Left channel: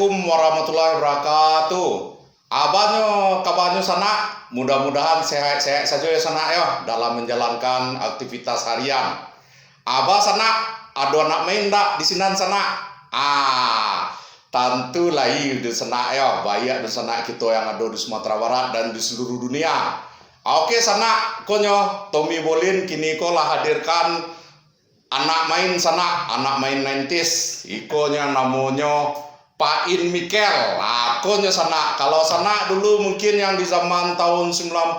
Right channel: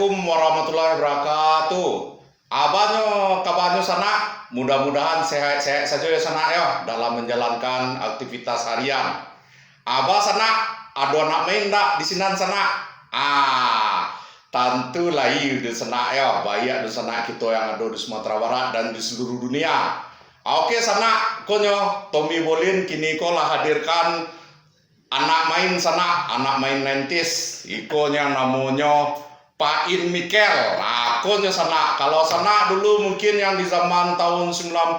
Assalamualaikum warahmatullahi wabarakatuh. Abanyo kabanyo sana, mudah-mudahan sehat-sehat saja ya sana ya dalam menjalankan aktivitas harian. Aba sana, ada anak main dak di sinan sana. Tentu lain di sana ya, banyak di sana kita yang ada di Sumatera Barat dan di seluruh dunia. Oke sana, konyo Tommy Bolin kini kolah hadirkan anak main sana, anak main 90s. Ikonya namanya Pak In Mikel. Akonya sana. Kalau sana dulu mungkin yang di zaman tahun 92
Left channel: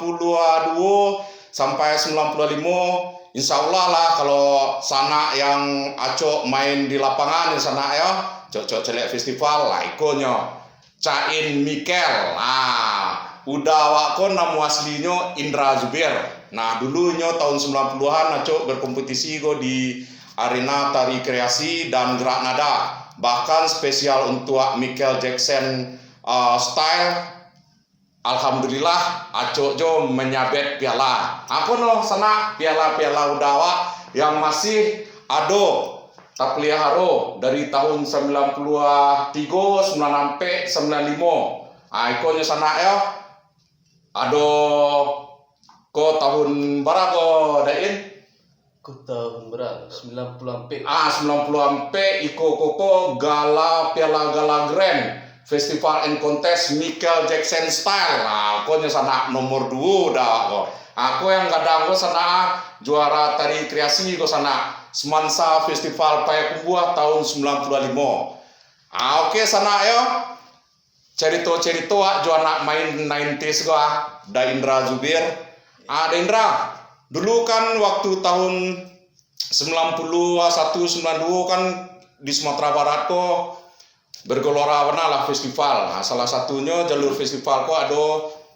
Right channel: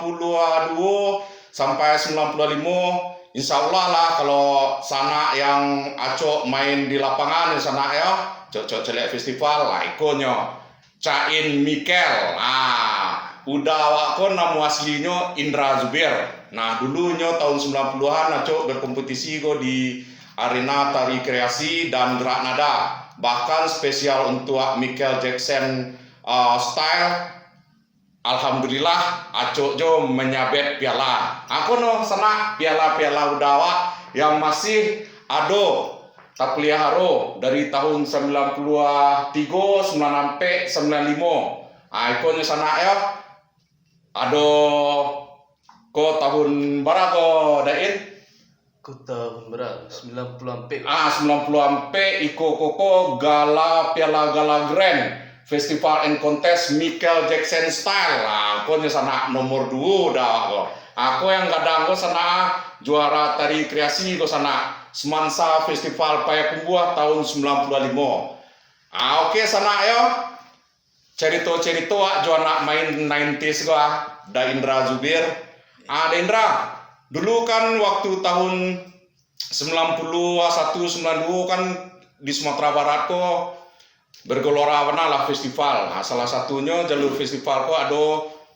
sampai 95, insya Allah lah kalau sana yang acok main di lapangan di sana ya, cocok celek festival lah ikonya Cain Mikel. Udah wakon nama aslinya Indra Zubir. Nah dulunya tahun 90-an acok berkompetisi go di arena tari kreasi dan gerak nada. Bahkan spesial untuk Michael Jackson style. Alhamdulillah acok jo menyabet piala. Aku no sana piala-piala udawa yang masih ada tak pelihara dari tahun 93, 90 sampai 95. Ikonnya sana ya. Ada ko tahun berapa dain? Ko tahun berapa? 90 ampe. 90 ampe iko koko gala piala gala grand festival and contest Michael Jackson style. Aku sana nomor 2 dah. Aku yang kadang ko sana juara tari kreasi ko sana Semansa Festival Payakumbuh tahun 95. Oke sana ya. Cerita-cerita juara main 90s gua da Indra Zubir. Da Indra, dulu kan waktu tahun 91 92 kan di Sumatera Barat kok bergelora lah festival. Salah satunya jalur festival kok ada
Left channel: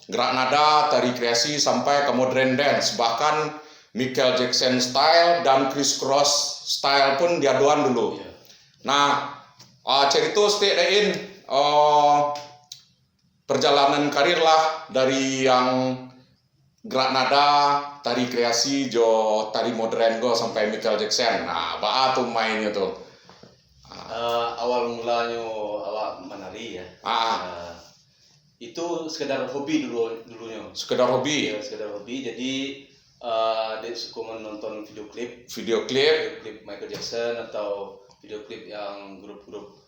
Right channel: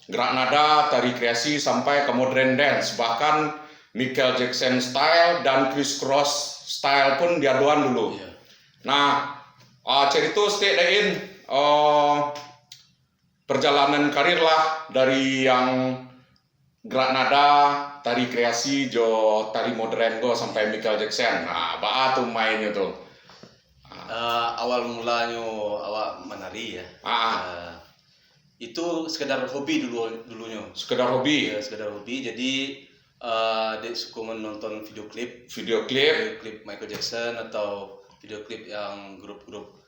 gerak nada, tari kreasi sampai ke modern dance. Bahkan Michael Jackson style dan Chris Cross style pun diaduan dulu. Nah, cerita dain perjalanan karir lah dari yang gerak nada, tari kreasi, jo tari modern go sampai Michael Jackson. Nah, apa tuh mainnya tuh? Awal mulanya awak menari ya. Itu sekedar hobi dulunya. Sekedar hobi. Ya, sekedar hobi. Jadi dia suka menonton video klip Michael Jackson atau video klip yang grup-grup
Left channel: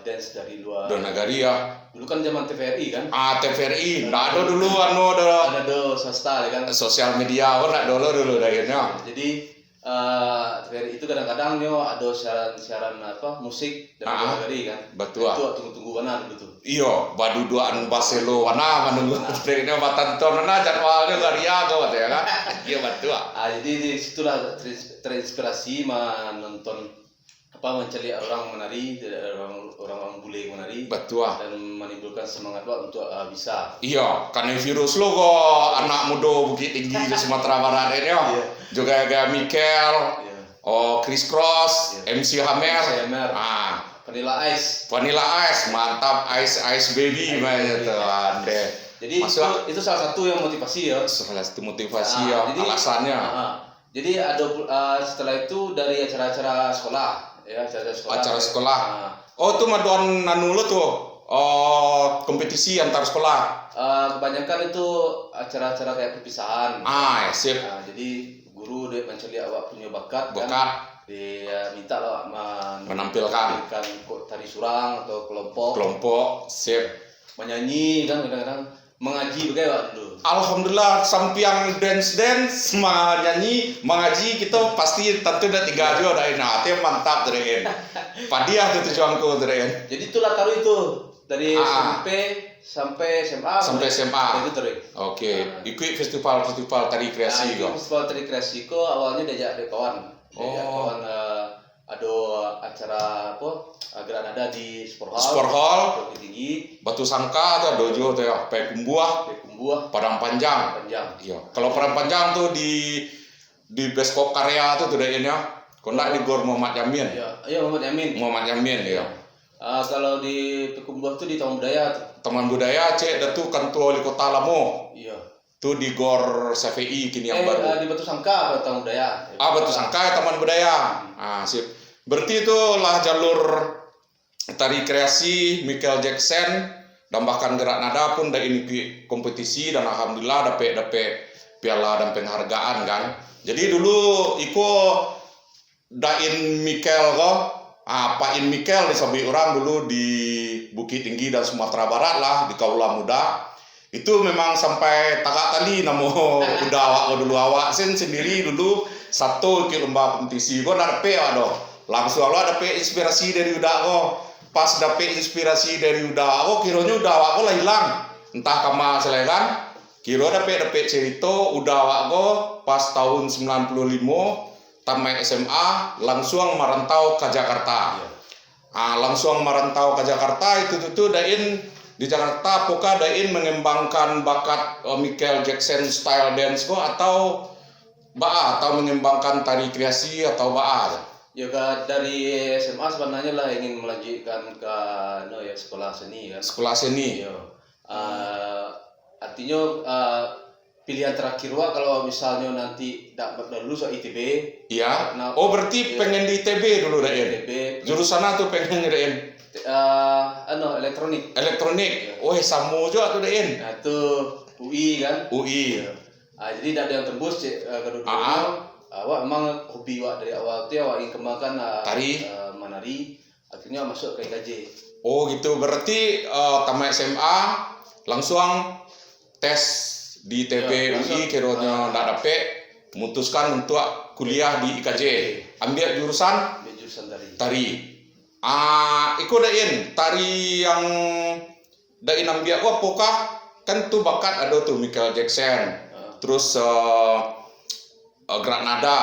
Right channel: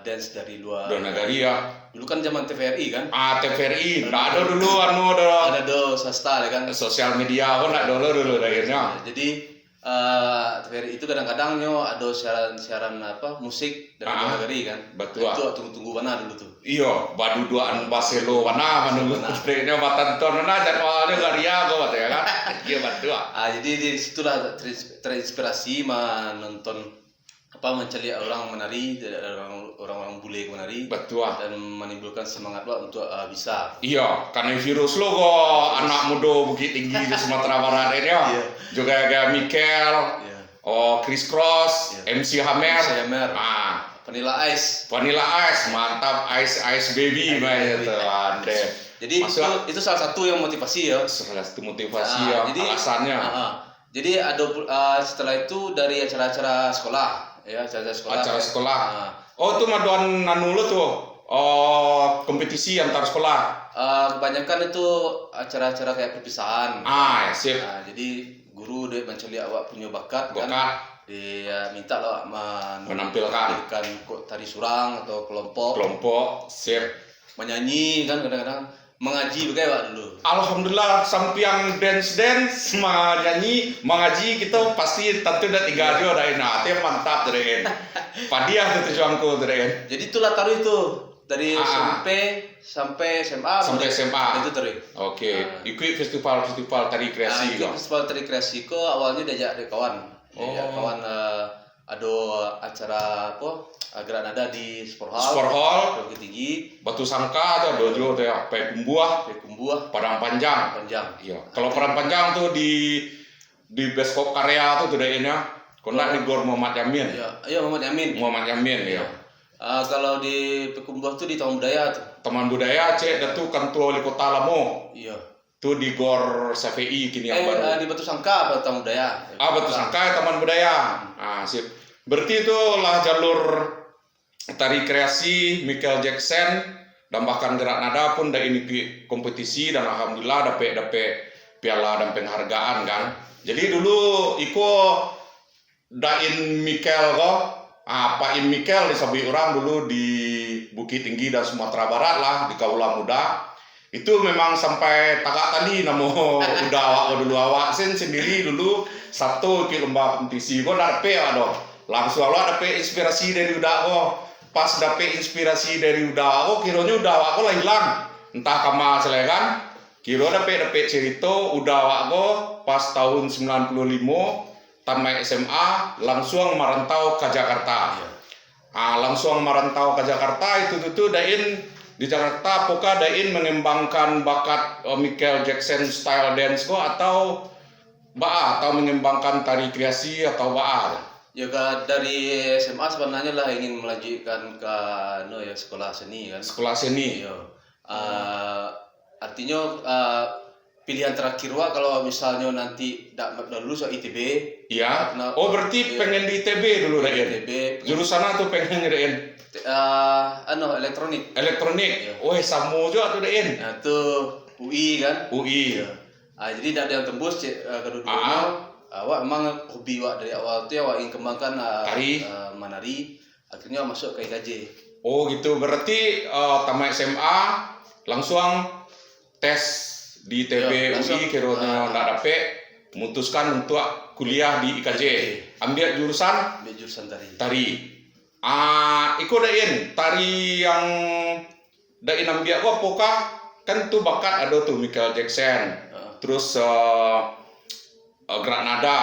dance dari luar negeri ya. Dulu kan zaman TVRI kan? TVRI, nggak ada dulu ada swasta ya kan? Sosial media kan nggak dulu dayanya. Jadi TVRI itu kadang-kadang ada siaran musik dari luar negeri kan? Betul. Itu tunggu-tunggu mana dulu tuh? Iya, baduduan Barcelona menunggu triknya matan tonona jadwalnya garia kok ya kan? Iya betul. Jadi di situlah terinspirasi menonton mencari orang menari, orang bule menari. Betul. Dan menimbulkan semangat untuk bisa. Iya, karena virus lo kok anak muda Bukit Tinggi di Sumatera Barat ini ya. Juga kayak Michael, Chris Cross, MC Hammer. Vanilla Ice, mantap, Ice Baby itu ada. Jadi itu salah satu yang motivasi ya. Salah satu motivasi ya, jadi, alasannya. Jadi ada setelah itu dari acara-acara sekolah. Ya, acara sekolah. Itu madon nanulu tuh. Kompetisi antar sekolah. Kebanyakan itu acara-acara kayak perpisahan. Sip. Jadi guru dia mencari awak punya bakat. Dia minta lah menampilkan tari surang atau kelompok. Sip. Menyanyi kan kadang-kadang mengaji bagaimana dulu. Alhamdulillah sampai yang dance menyanyi mengaji kita pasti tentu udah 3 aja dari nanti mantap dari padiah tuh tujuanku dari. Jadi itulah taruh itu dari SMP sampai SMA. Itu taruh. Oke. Ikut festival tari kreasi festival tari kreasi awalnya diajak dari kawan. Kawan ada acara gerak nada di Sport Hall Bukit Tinggi, Batu Sangka atau dojo tuh ya, Payakumbuh, Padang Panjang. Iya. Kalau Padang Panjang tuh di Beskop Karya tuh daerahnya. Kena di Gor Muhammad Yamin. Iya, Muhammad Yamin ya. Kalau di Payakumbuh tuh di Taman Budaya tuh. Taman Budaya Datu Kantor Wali Kota Lamo. Iya. Tuh di Gor CVI kini yang baru. Di Batu Sangka atau Taman Budaya. Batu Sangka Taman Budaya. Sip. Berarti itu lah jalur tari kreasi Michael Jackson dan bahkan gerak nada pun dah ini kompetisi dan alhamdulillah dapat piala dan penghargaan kan. Jadi dulu iko dain Michael pain Michael disabi orang dulu di Bukit Tinggi dan Sumatera Barat lah di Kaula Muda. Itu memang sampai tagak tali namo udah awak dulu awak sendiri dulu satu ke lomba kompetisi kok dapet aduh langsung awak dapet inspirasi dari udah kok pas dapet inspirasi dari udah kok kiranya udah awak kok lah hilang entah kama selekan kira dapet cerita udah awak kok pas tahun 95 tamat SMA langsung merantau ke Jakarta. Langsung merantau ke Jakarta itu dain di Jakarta apakah dain mengembangkan bakat Michael Jackson style dance kok atau mengembangkan tari kreasi atau Ya dari SMA sebenarnya lah ingin melanjutkan ke sekolah seni kan. Sekolah seni. Artinya pilihan terakhir kalau misalnya nanti tidak lulus ITB. Iya. Berarti pengen di ITB dulu dain. ITB. Jurusan apa pengen dain? Elektronik. Elektronik. Sama juga tuh dain. Nah, tuh UI kan. UI. Jadi tidak ada yang tembus kedua-duanya. Awak memang hobi awak dari awal tu awak ingin kembangkan tari, menari. Akhirnya masuk ke IKJ. Gitu. Berarti tamat SMA langsung tes di ITB UI kiranya nggak dapet memutuskan untuk kuliah di IKJ. Ambil jurusan tari. Iko dain tari yang dain ambil apakah kan tuh bakat ada tuh Michael Jackson. Terus gerak nada.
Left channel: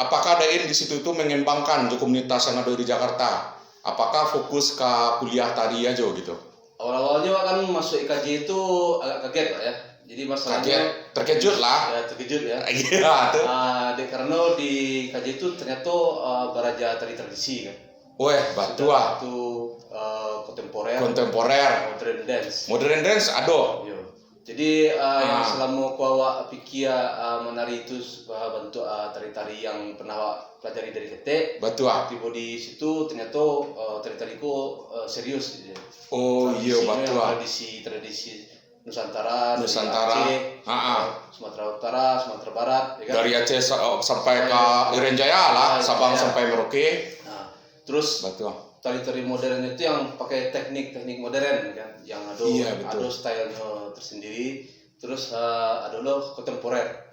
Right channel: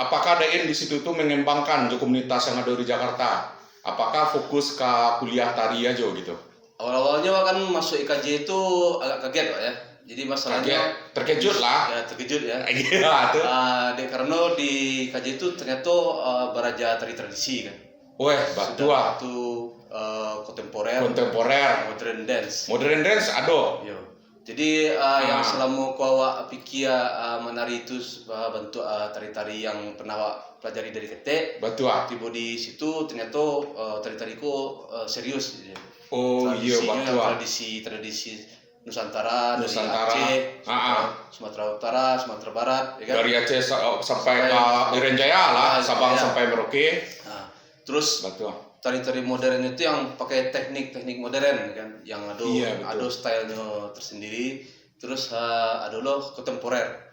Apakah dain di situ itu mengembangkan komunitas yang ada di Jakarta? Apakah fokus ke kuliah tari aja gitu? Awal-awalnya kan masuk IKJ itu agak kaget Pak ya. Jadi masalahnya terkejut lah. Ya terkejut ya. Iya tuh. Karena di IKJ itu ternyata beraja tari tradisi kan. Batua. Itu kontemporer. Modern dance. Modern dance ada. Yo. Jadi yang selama kau awak pikir menari itu bentuk tari-tari yang pernah awak pelajari dari ketek. Batua. Tiba di situ ternyata tari-tariku serius. Iya batua. Tradisi Nusantara. Aceh, Sumatera Utara, Sumatera Barat. Ya kan? Dari Aceh sampai ke Irian Jaya lah, Sabang sampai Merauke. Terus batua. Tari-tari modern itu yang pakai teknik modern kan, yang ada stylenya tersendiri. Terus ada loh kontemporer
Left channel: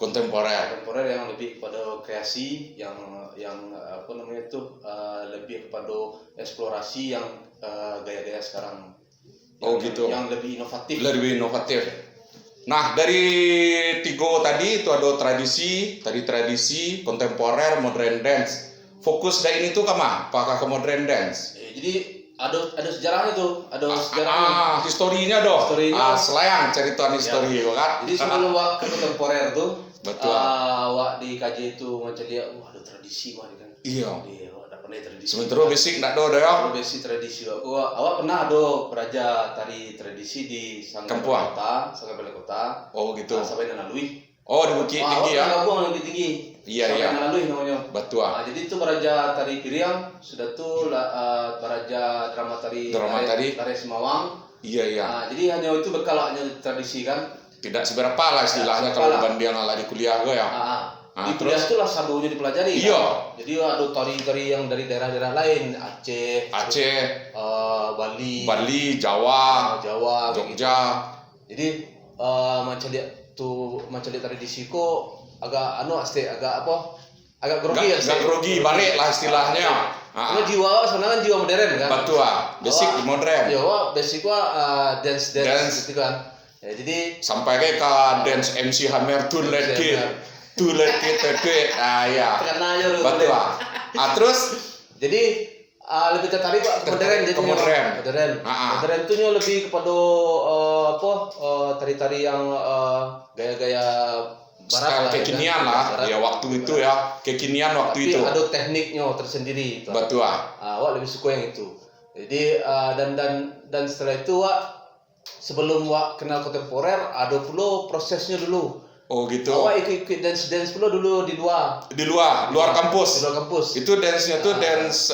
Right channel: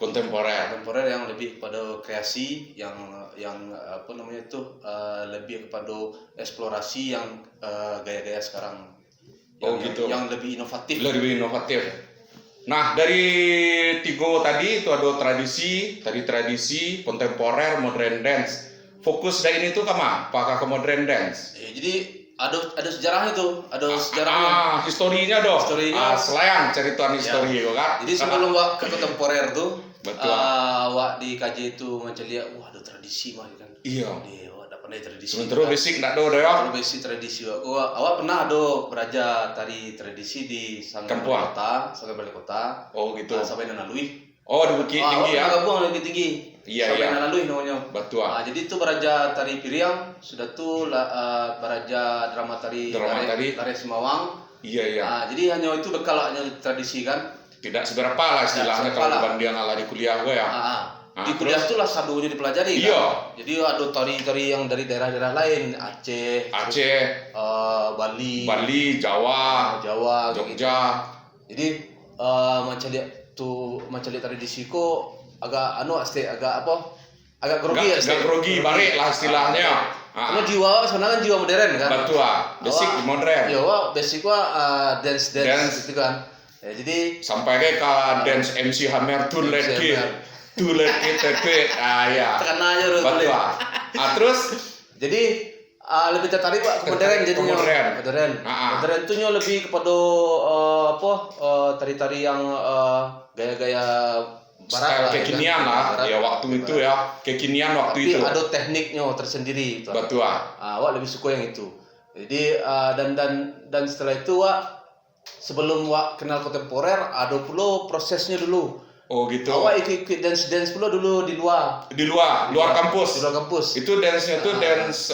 yang lebih kepada kreasi, yang lebih kepada eksplorasi yang gaya-gaya sekarang. Gitu. Yang lebih inovatif. Nah, dari tiga tadi itu ada tradisi, kontemporer, modern dance. Fokus dari ini tuh kemana? Apakah ke modern dance? Jadi ada sejarahnya tuh, sejarahnya. Historinya dong. Selayang cerita histori kan. Jadi sebelum ke kontemporer tuh, betul. Wak di KJ itu macam lihat, ada tradisi mah kan. Iya. Ada pernah tradisi. Sementara basic nggak ada ya. Basic tradisi. Awak pernah ada beraja tari tradisi di Sanggar Balai Kota. Gitu. Sampai dengan Lui. Di Bukit Tinggi ya. Gabung Bukit Tinggi. Iya. Sampai dengan Lui namanya. Betul. Jadi itu beraja tari Piriang, sudah tuh beraja drama tari Semawang. Iya. Jadi hanya itu bekal hanya tradisi kan. Tidak seberapa lah istilahnya kalau bandingan ala di kuliah gue ya. Di kuliah itu lah sadunya dipelajari. Iya. Kan? Jadi ada tari-tari yang dari daerah-daerah lain, Aceh, Bali, Jawa, Jogja. Gitu. Jadi macam lihat tradisi ko agak grogi. Agak grogi balik lah istilahnya. Karena jiwa sebenarnya jiwa modern kan. Betul. Basic modern. Iya, basic dance gitu kan. Ya, jadi sampai ke dance MC Hammer tuh lagi ya. Tekanannya betul. Terus jadi lebih tertarik Pak ke modern jadi modern itu lebih kepada tari-tari yang gaya-gaya barat kekinian lah ya waktu itu ya kekinian waktu itu ada tekniknya tersendiri betul. Wak lebih suka yang itu jadi dan setelah itu Wak sebelum Wak kenal kontemporer ada pula prosesnya dulu Oh gitu. Awak ikut dance pula dulu di luar. Di luar kampus. Di luar kampus. Itu dance-nya tuh dance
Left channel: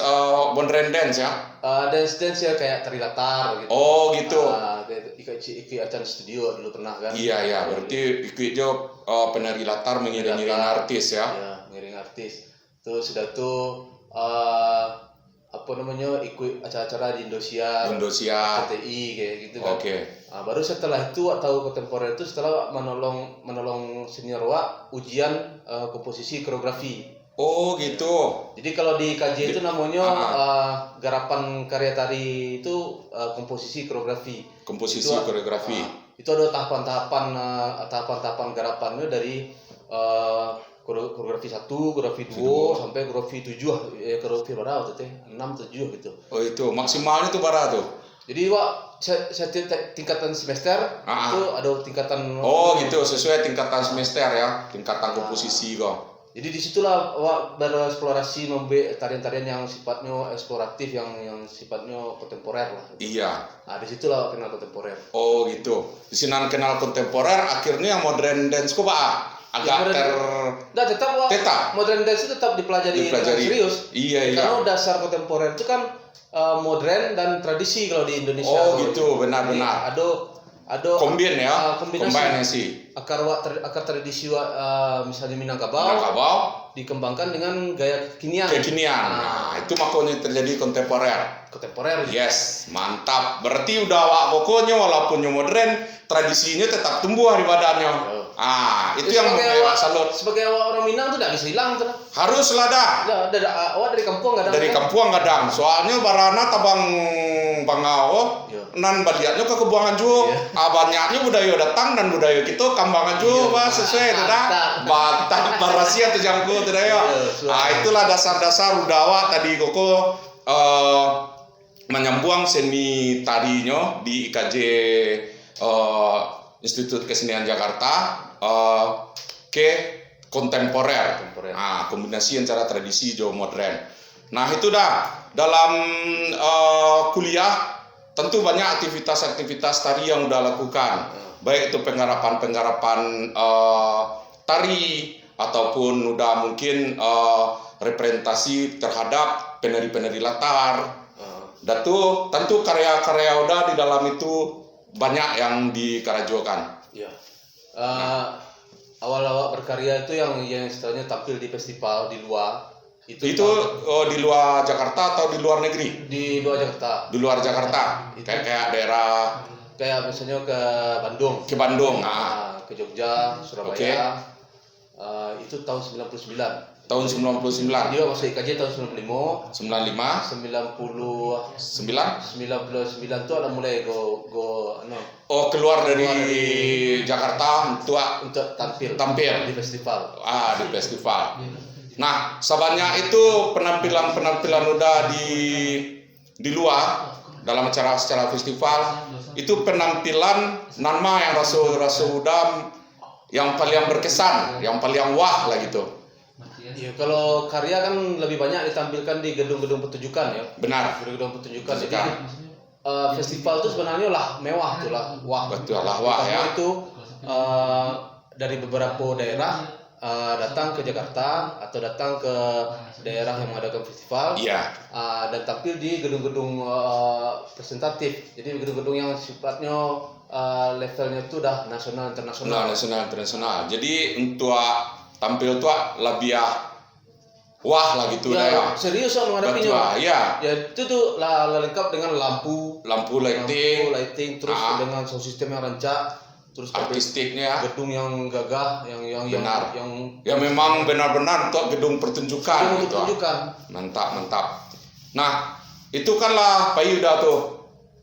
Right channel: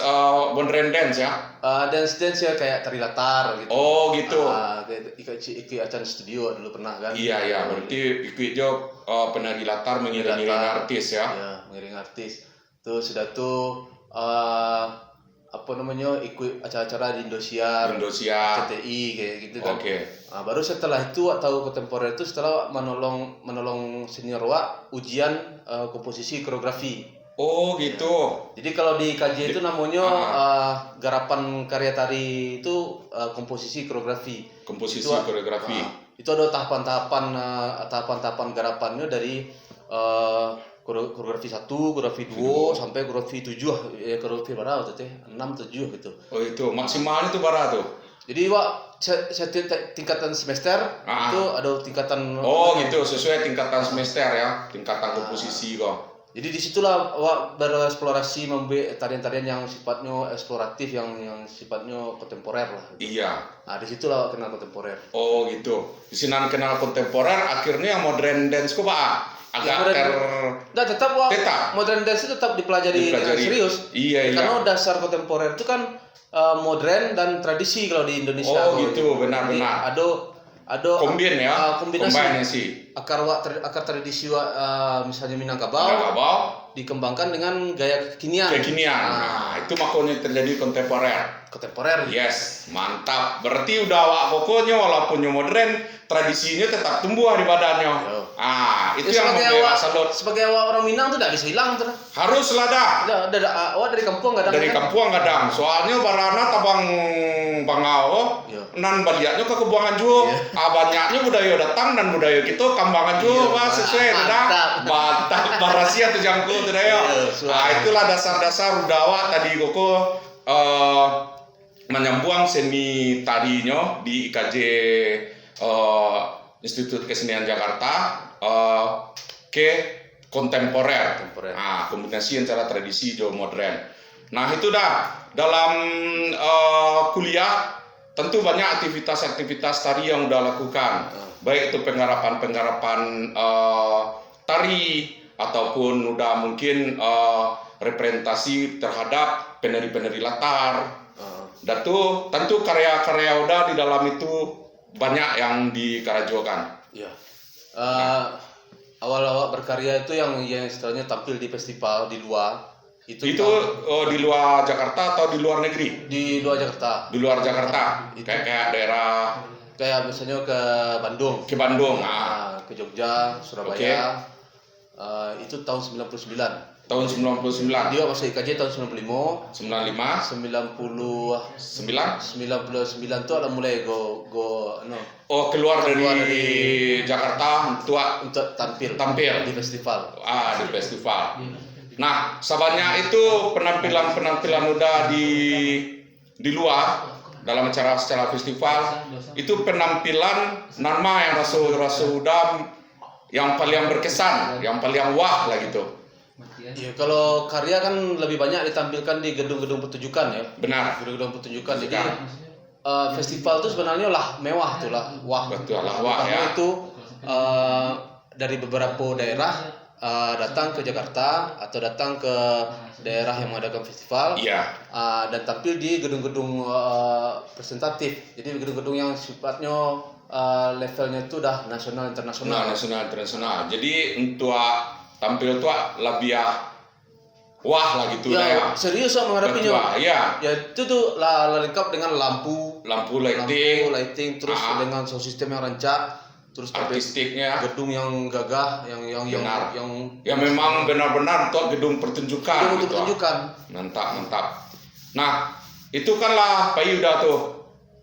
modern dance ya? Dance ya kayak tari latar gitu. Oh gitu. Ikut acara studio dulu pernah kan? Iya, berarti ikut jo penari latar mengiringi artis ya? Iya, mengiringi artis. Terus sudah itu ikut acara-acara di Indosiar, CTI kayak gitu kan. Oke. Baru setelah itu tahu kontemporer itu setelah menolong senior ujian komposisi koreografi. Oh gitu. Jadi kalau di KJ itu namanya garapan karya tari itu komposisi koreografi. Koreografi. Itu ada tahapan-tahapan garapannya dari koreografi 1, koreografi 2 sampai koreografi 7, koreografi berapa tuh 6 7 gitu. Oh itu maksimalnya itu berapa tuh? Jadi setiap tingkatan semester itu ada tingkatan. Oh gitu, sesuai tingkatan semester ya, tingkatan komposisi kok. Jadi disitulah awak bereksplorasi membuat tarian-tarian yang sifatnya eksploratif, yang sifatnya kontemporer lah. Iya. Nah disitulah kenal kontemporer. Oh gitu. Di sini kenal kontemporer, akhirnya modern dance kok pak agak tetap modern dance itu tetap dipelajari serius. Iya. Karena dasar kontemporer itu kan modern dan tradisi kalau di Indonesia. Oh gitu, benar-benar. Ada kombinasi. Akar tradisi misalnya Minangkabau dikembangkan dengan gaya kekinian. Nah, itu makanya terjadi kontemporer. Yes, mantap. Berarti udah pokoknya walaupun modern, tradisinya tetap tumbuh di badannya. Itu yang membuat salut. Sebagai orang Minang tuh tidak bisa hilang tuh. Harus lah Awak dari kampung nggak ada. Dari kampung nggak ada. Soalnya barana tabang bangau, nan baliatnya ke kebuangan juga. Banyaknya budaya datang dan budaya kita kambangan juga, sesuai tidak. Mantap, barasia tuh jangkul tidak ya. Itulah dasar-dasar udawa tadi koko menyambung seni tarinya di IKJ Institut Kesenian Jakarta ke kontemporer. Kombinasi antara tradisi dan modern. Nah itu dah dalam kuliah tentu banyak aktivitas-aktivitas tari yang udah lakukan, baik itu penggarapan tari ataupun udah mungkin representasi terhadap penari-penari latar. Dan tuh tentu karya-karya udah di dalam itu banyak yang dikarajokan. Iya. Awal-awal berkarya itu yang istilahnya tampil di festival di luar. Itu di luar Jakarta atau di luar negeri? Di luar Jakarta. Di luar Jakarta. Kayak daerah. Kayak misalnya ke Bandung. Ke Bandung. Ke Jogja, Surabaya. Itu tahun 99. Tahun 99. Dia masuk IKJ tahun 95. 99 itu ada mulai keluar dari Jakarta untuk tampil di festival. Di festival. Nah, sebanyak itu penampilan udah di luar dalam acara festival itu penampilan nama yang rasa udah yang paling berkesan, yang paling wah lah gitu. Iya, kalau karya kan lebih banyak ditampilkan di gedung-gedung pertunjukan ya. Benar. Gedung-gedung pertunjukan. Jadi festival itu sebenarnya mewah tuh lah. Wah. Betul lah wah ya. Itu dari beberapa daerah datang ke Jakarta atau datang ke daerah yang mengadakan festival. Iya. Dan tampil di gedung-gedung presentatif. Jadi gedung-gedung yang sifatnya levelnya itu udah nasional internasional. Jadi untuk tampil tuh lebih wah lah gitu ya. Serius menghadapinya. Ya itu tuh lengkap dengan lampu lighting terus dengan sound system yang rancak, terus artistiknya, gedung yang gagah, yang benar, yang memang benar-benar untuk gedung pertunjukan. Mantap. Nah itu kan lah Pak Yuda tuh.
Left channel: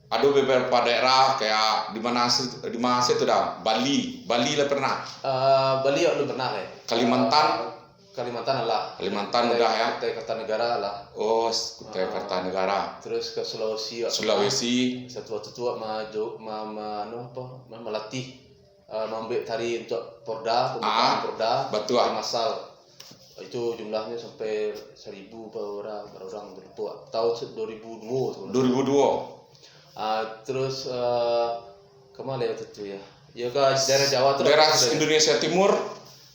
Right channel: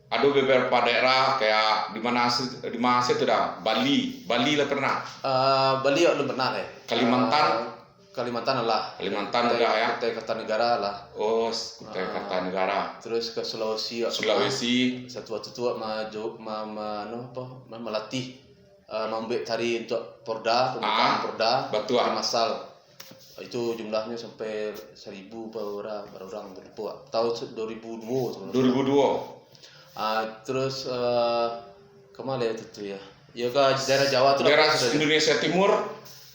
Ada beberapa daerah kayak di mana itu dah Bali lah pernah. Bali ya belum pernah ya. Kalimantan udah ya. Kutai Kartanegara lah. Oh, Kutai Kartanegara. Terus ke Sulawesi. Satu waktu itu melatih membuat tari untuk Porda, pembukaan Porda. Betul. Masal. Itu jumlahnya sampai 1.000 orang tahun 2002. Terus kemana itu tuh ya? Ya ke daerah Jawa tuh. Daerah Indonesia Timur.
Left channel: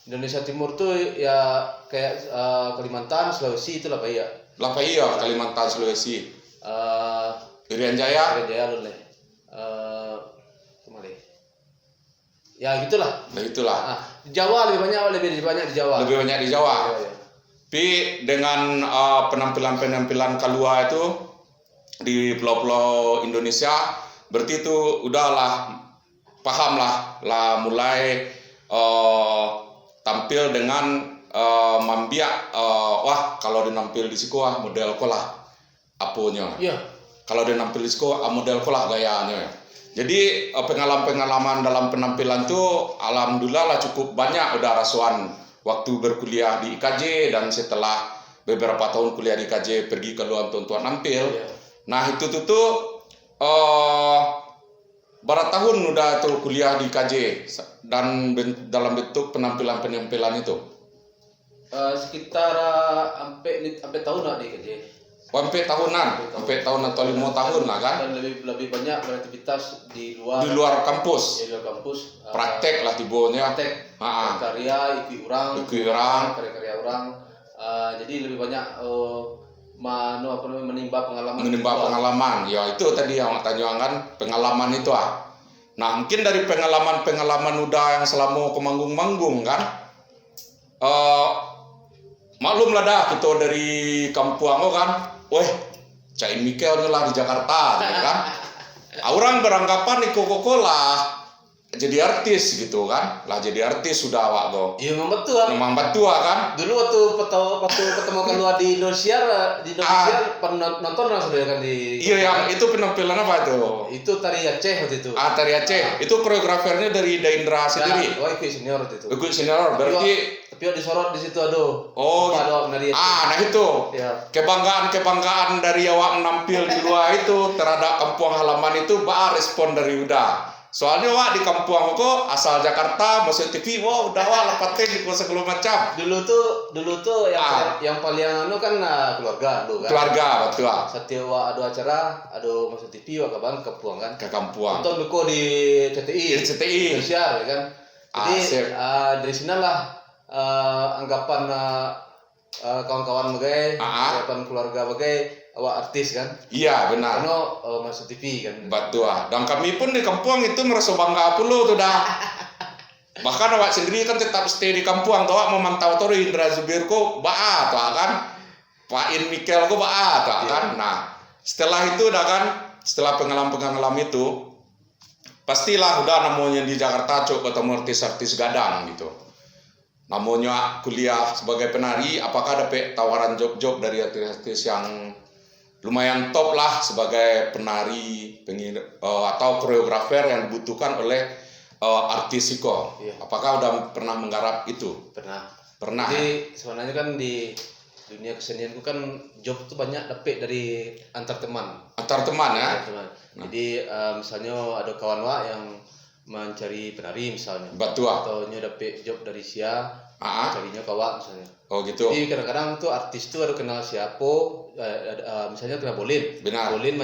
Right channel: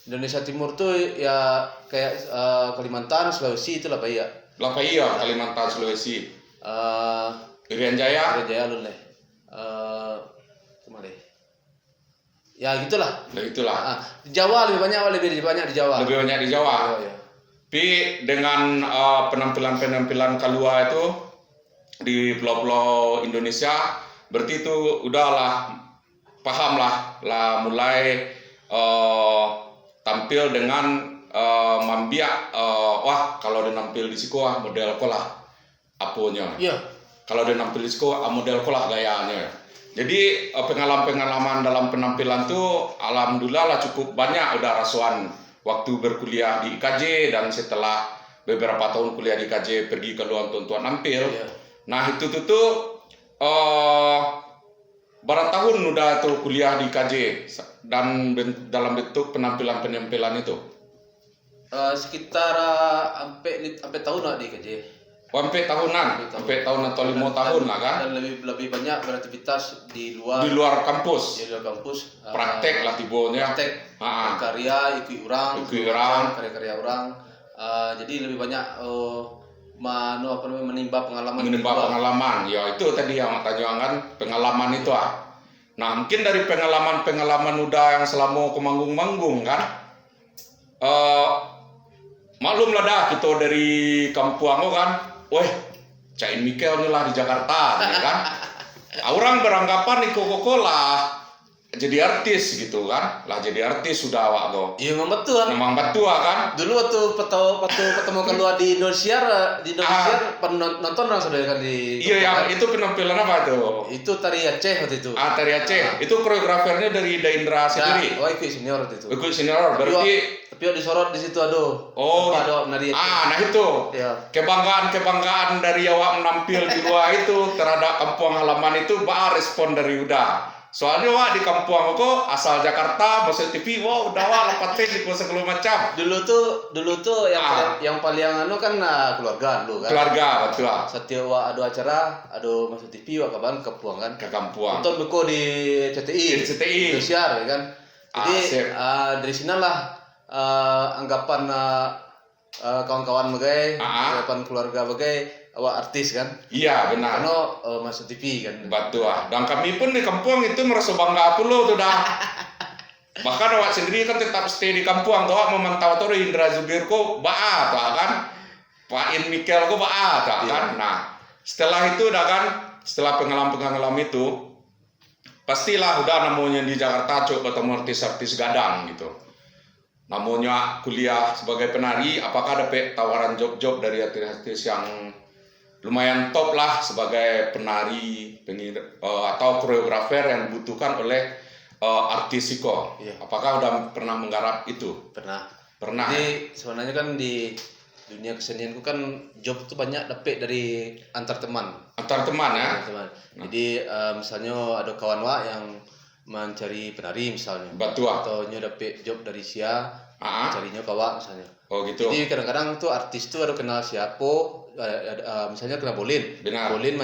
Indonesia Timur tuh ya kayak Kalimantan, Sulawesi itu lah Pak ya. Lah iya, Kalimantan, Sulawesi. Irian Jaya. Irian Jaya lu lah. Kemana? Ya gitulah. Nah itulah. Di Jawa lebih banyak di Jawa. Lebih banyak di Jawa. Ya. Tapi dengan penampilan Kalua itu di pulau-pulau Indonesia, berarti itu udahlah paham lah mulai tampil dengan mambiak wah kalau dia nampil di siku model kolah aponya. Iya. Kalau dia nampil di siku model kolah gayanya. Jadi pengalaman dalam penampilan tuh alhamdulillah lah cukup banyak udah rasuan waktu berkuliah di IKJ dan setelah beberapa tahun kuliah di IKJ pergi ke luar untuk nampil. Iya. Nah itu tuh berapa tahun udah tuh kuliah di IKJ dan dalam bentuk penampilan itu? Sekitar sampai tahun lah di IKJ. Sampai tahunan atau 5 tahun lah kan? Dan lebih banyak beraktivitas di luar. Di luar kampus. Di luar kampus. Praktek lah tibonya. Praktek. Karya, ikut orang. Karya orang. Jadi lebih banyak menimba pengalaman. Ya itu tadi yang tanya kan pengalaman itu Nah mungkin dari pengalaman udah yang selama ke manggung kan. Maklum lah dah kita dari kampung kan. Weh, Cai Mikel lah di Jakarta gitu kan. Orang beranggapan Koko lah jadi artis gitu kan. Lah jadi artis sudah awak go. Iya memang betul kan. Dulu waktu ketemu keluar di Indonesia nonton orang sudah kan di. Iya yang itu penampilan apa itu? Itu tari Aceh waktu itu. Tari Aceh. Itu koreografernya dari Daindra sendiri. Oh ikut senior waktu itu. Ikut senior berarti. Tapi disorot di situ aduh. Oh, nah itu. Ya. Kebanggaan dari awak menampil di luar itu terhadap kampung halaman itu respon dari udah. Soalnya wak di kampung aku asal Jakarta masuk TV, udah wak lepatin di segala macam. Dulu tuh yang paling kan keluarga dulu kan. Keluarga betul. Setiap wak ada acara, ada masuk TV wak kapan kampung kan. Ke kampung. Nonton duko di CTI. Indonesia kan. Jadi dari sinilah anggapan kawan-kawan bagai, anggapan keluarga bagai awak artis kan? Iya benar. Karena masuk TV kan. Betul. Dan kami pun di kampung itu merasa bangga pula tuh dah. Bahkan awak sendiri kan tetap stay di kampung. Awak mau mantau tuh Indra Zubir ko tuh kan. Pak In Mikel ko tuh kan. Nah setelah itu dah kan, setelah pengalaman itu pastilah udah namanya di Jakarta coba ketemu artis-artis gadang gitu. Namanya kuliah sebagai penari, apakah dapat tawaran job-job dari artis-artis yang lumayan top lah sebagai penari atau koreografer yang dibutuhkan oleh artis Iko? Iya. Apakah udah pernah menggarap itu? Pernah. Jadi sebenarnya kan di dunia kesenian kan job tuh banyak dapat dari antar teman. Antar teman ya. Jadi misalnya ada kawan wak yang mencari penari misalnya. Betul. Atau dapat job dari carinya kawak misalnya. Oh gitu. Jadi kadang-kadang tuh artis tuh ada kenal siapa, misalnya kenal Bolin. Benar. Bolin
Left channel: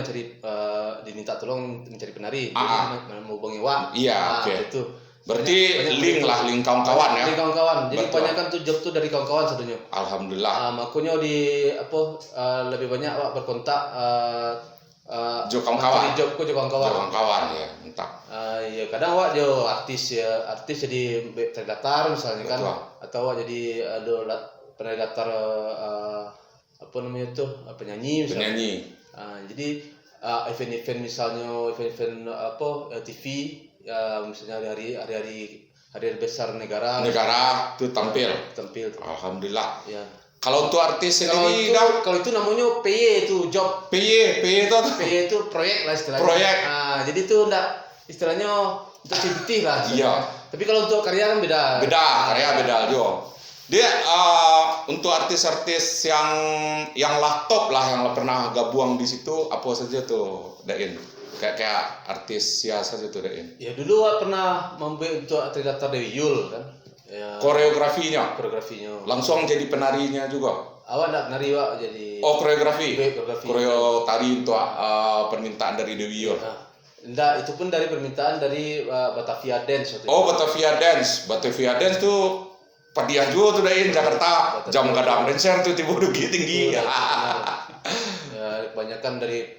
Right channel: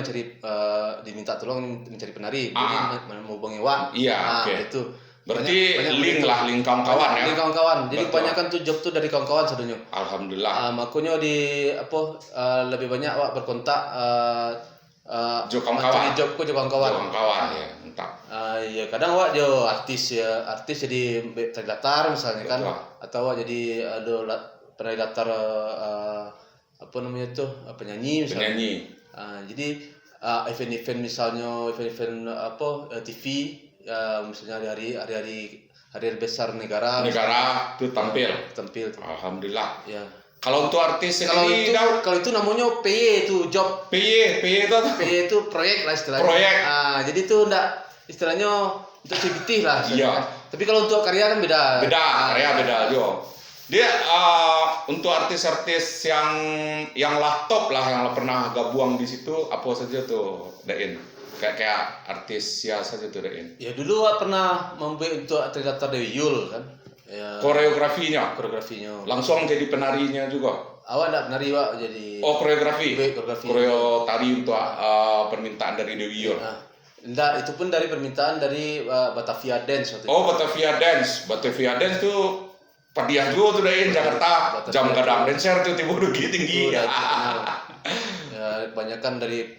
diminta tolong mencari penari. Bolin mau hubungi wak. Iya, oke. Itu. Berarti link kawan-kawan ya. Link kawan-kawan. Jadi kebanyakan tuh job tuh dari kawan-kawan sebenarnya. Alhamdulillah. Makanya lebih banyak wak berkontak Jo kawan-kawan. Job kawan-kawan ya, entah. Ya kadang wak jo artis jadi terdaftar misalnya kan. Betul. Atau wak jadi pernah daftar penyanyi misalnya. Jadi event-event misalnya TV misalnya hari-hari besar negara tuh tampil. Alhamdulillah. Ya. Kalau untuk artis sendiri kalau itu namanya PY itu job. PY itu proyek lah istilahnya. Proyek. Jadi itu enggak istilahnya untuk CBT lah. Iya. Tapi kalau untuk karya kan beda. Karya beda jo. Dia untuk artis-artis yang lah top lah yang pernah gabung di situ apa saja tuh Dain? Kayak artis siapa saja tuh Dain? Ya dulu pernah membuat untuk terdaftar Dewi Yul kan. Ya, koreografinya langsung jadi penarinya juga. Awak enggak penari wak jadi koreografi koreo tari untuk permintaan dari Dewi Yul. Enggak, itu pun dari permintaan dari Batavia Dance waktu itu. Oh, Batavia Dance. Batavia Dance tuh padiah juga tuh dari Jakarta. Jam gadang dancer tuh tiba tinggi. Ya, kebanyakan dari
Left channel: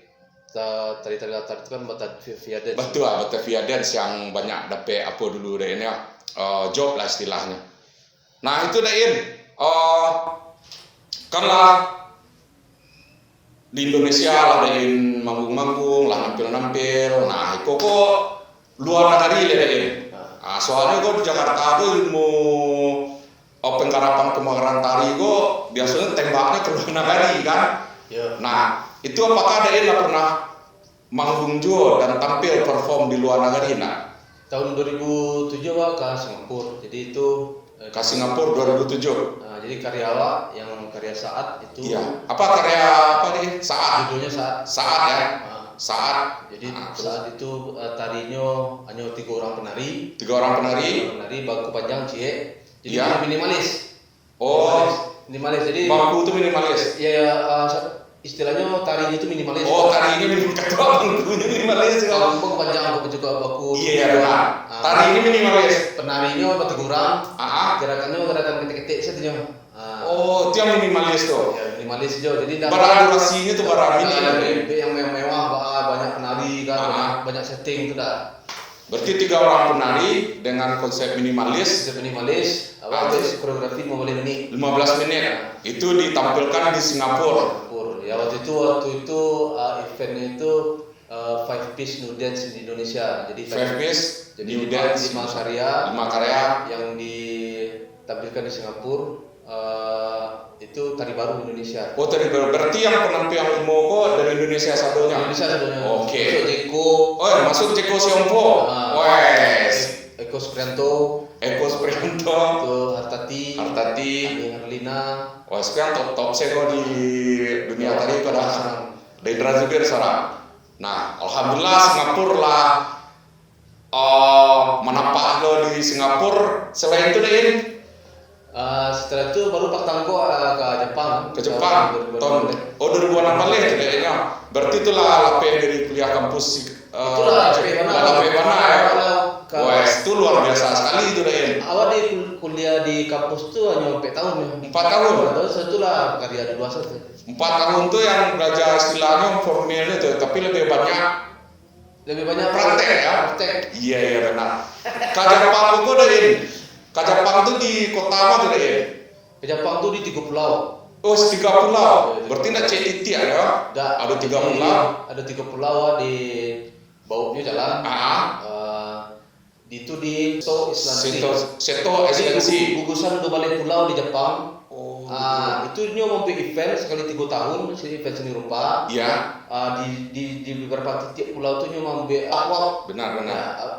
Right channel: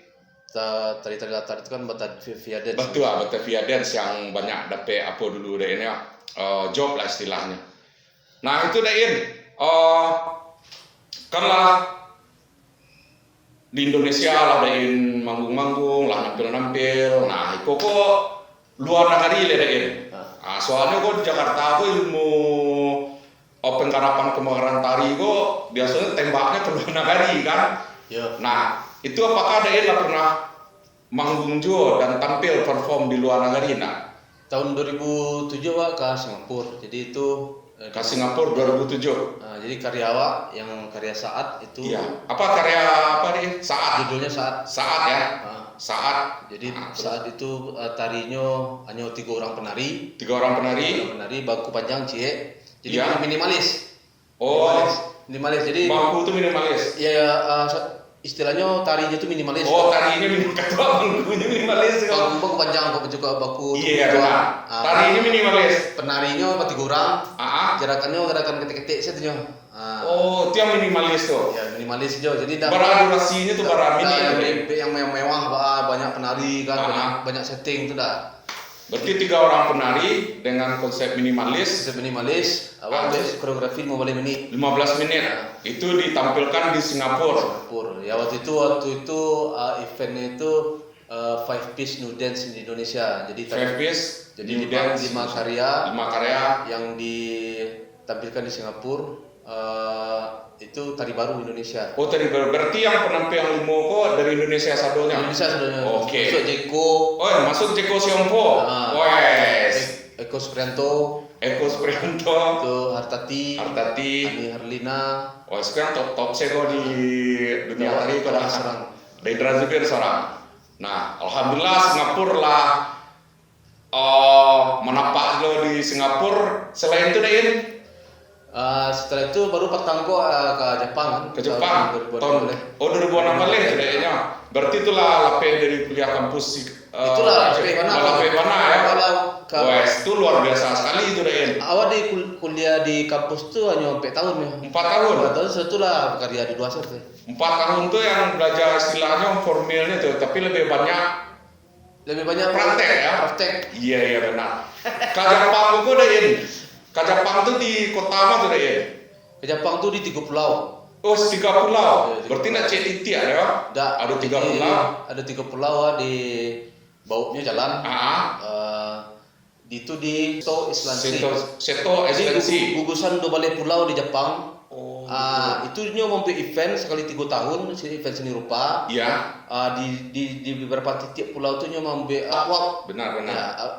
tari-tari latar itu kan Batavia Dance. Betul, Batavia Dance yang banyak dapet apa dulu deh ini job lah istilahnya. Nah itu dain karena di Indonesia lah dain manggung-manggung lah nampil-nampil. Nah itu kok luar negeri ya dain. Nah, soalnya kok di Jakarta tuh ilmu penggarapan kemagaran tari kok biasanya tembaknya ke luar negeri kan. Nah itu apakah dain pernah manggung juga dan tampil perform di luar negeri? Nah tahun 2007 ke Singapura. Jadi itu ke Singapura 2007. Jadi karyawan yang karya saat itu. Iya. Apa karya apa nih? Saat. Judulnya saat. Saat ya. Saat. Jadi saat itu tarinya hanya 3 orang penari. 3 orang penari. Penari baku panjang cie. Jadi ya. Minimalis. Oh. Minimalis. Jadi baku itu minimalis. Iya. Istilahnya tarinya itu minimalis. Oh, tari ini minimalis. Baku panjang, baku juga baku. Iya benar. Tari ini minimalis. Penarinya apa 3 orang. Gerakannya gerakan ketik-ketik saja. Oh, itu yang minimalis tuh. Ya, minimalis juga. Jadi durasinya tuh yang mewah, banyak penari kan, banyak setting itu dah. Berarti 3 orang penari dengan konsep minimalis. Habis koreografi 15 menit. 15 menit. Itu ditampilkan di Singapura. Ya waktu itu eventnya itu 5 piece new dance di Indonesia. Jadi 5 piece jadi new dance 5 karya yang ditampilkan di Singapura. Itu tari baru Indonesia. Oh, tari baru. Berarti yang penampilan limo kok dari Indonesia satunya. Indonesia satunya. Oke. Jeko. Oh, masuk Jeko Siompo. Wes. Eko Suprianto. Itu Hartati. Ani Harlina. Wah, sekarang top sego di dunia tari pada Dedra Zubir seorang. Nah, alhamdulillah Singapura lah menampak lo di Singapura. Selain itu Dain, setelah itu baru pertama ke Jepang. Ke Jepang tahun 2016 kayaknya. Berarti itulah lapeh dari kuliah kampus itulah lapeh mana ya. Wah, itu luar biasa sekali itu Dain. Awal di kuliah di kampus tuh hanya 4 tahun ya. 4 tahun. 4 tahun setelah karya di 2 set. 4 tahun tuh yang belajar istilahnya formalnya tuh, tapi lebih banyak praktek ya. Iya benar. Kajapang itu Dain. Kajapang itu di kota apa tuh Dain? Kajapang itu di 3 pulau. Oh, 3 pulau. Berarti nak cek titik ya? Ada 3 pulau. Ada 3 pulau di bawahnya jalan. Itu di Seto Esensi. gugusan 2 balai pulau di Jepang. Oh. Itu mau event sekali 3 tahun, event seni rupa. Iya. Di beberapa titik pulau itu mau artwork. Benar.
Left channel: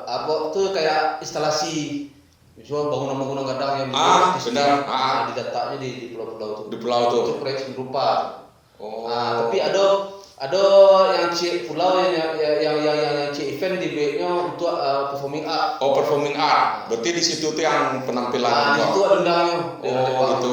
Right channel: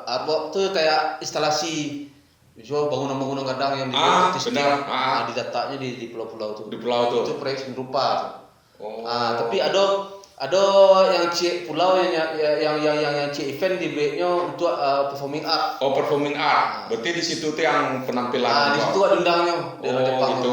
Artwork itu kayak instalasi. Misalnya bangunan-bangunan gadang yang benar. Di datanya di pulau-pulau itu. Di pulau itu. Itu proyek seni rupa. Oh. Tapi ada yang pulau yang event di B-nya untuk performing art. Oh, performing art. Berarti di situ tuh yang penampilan. Itu ada undangnya. Gitu.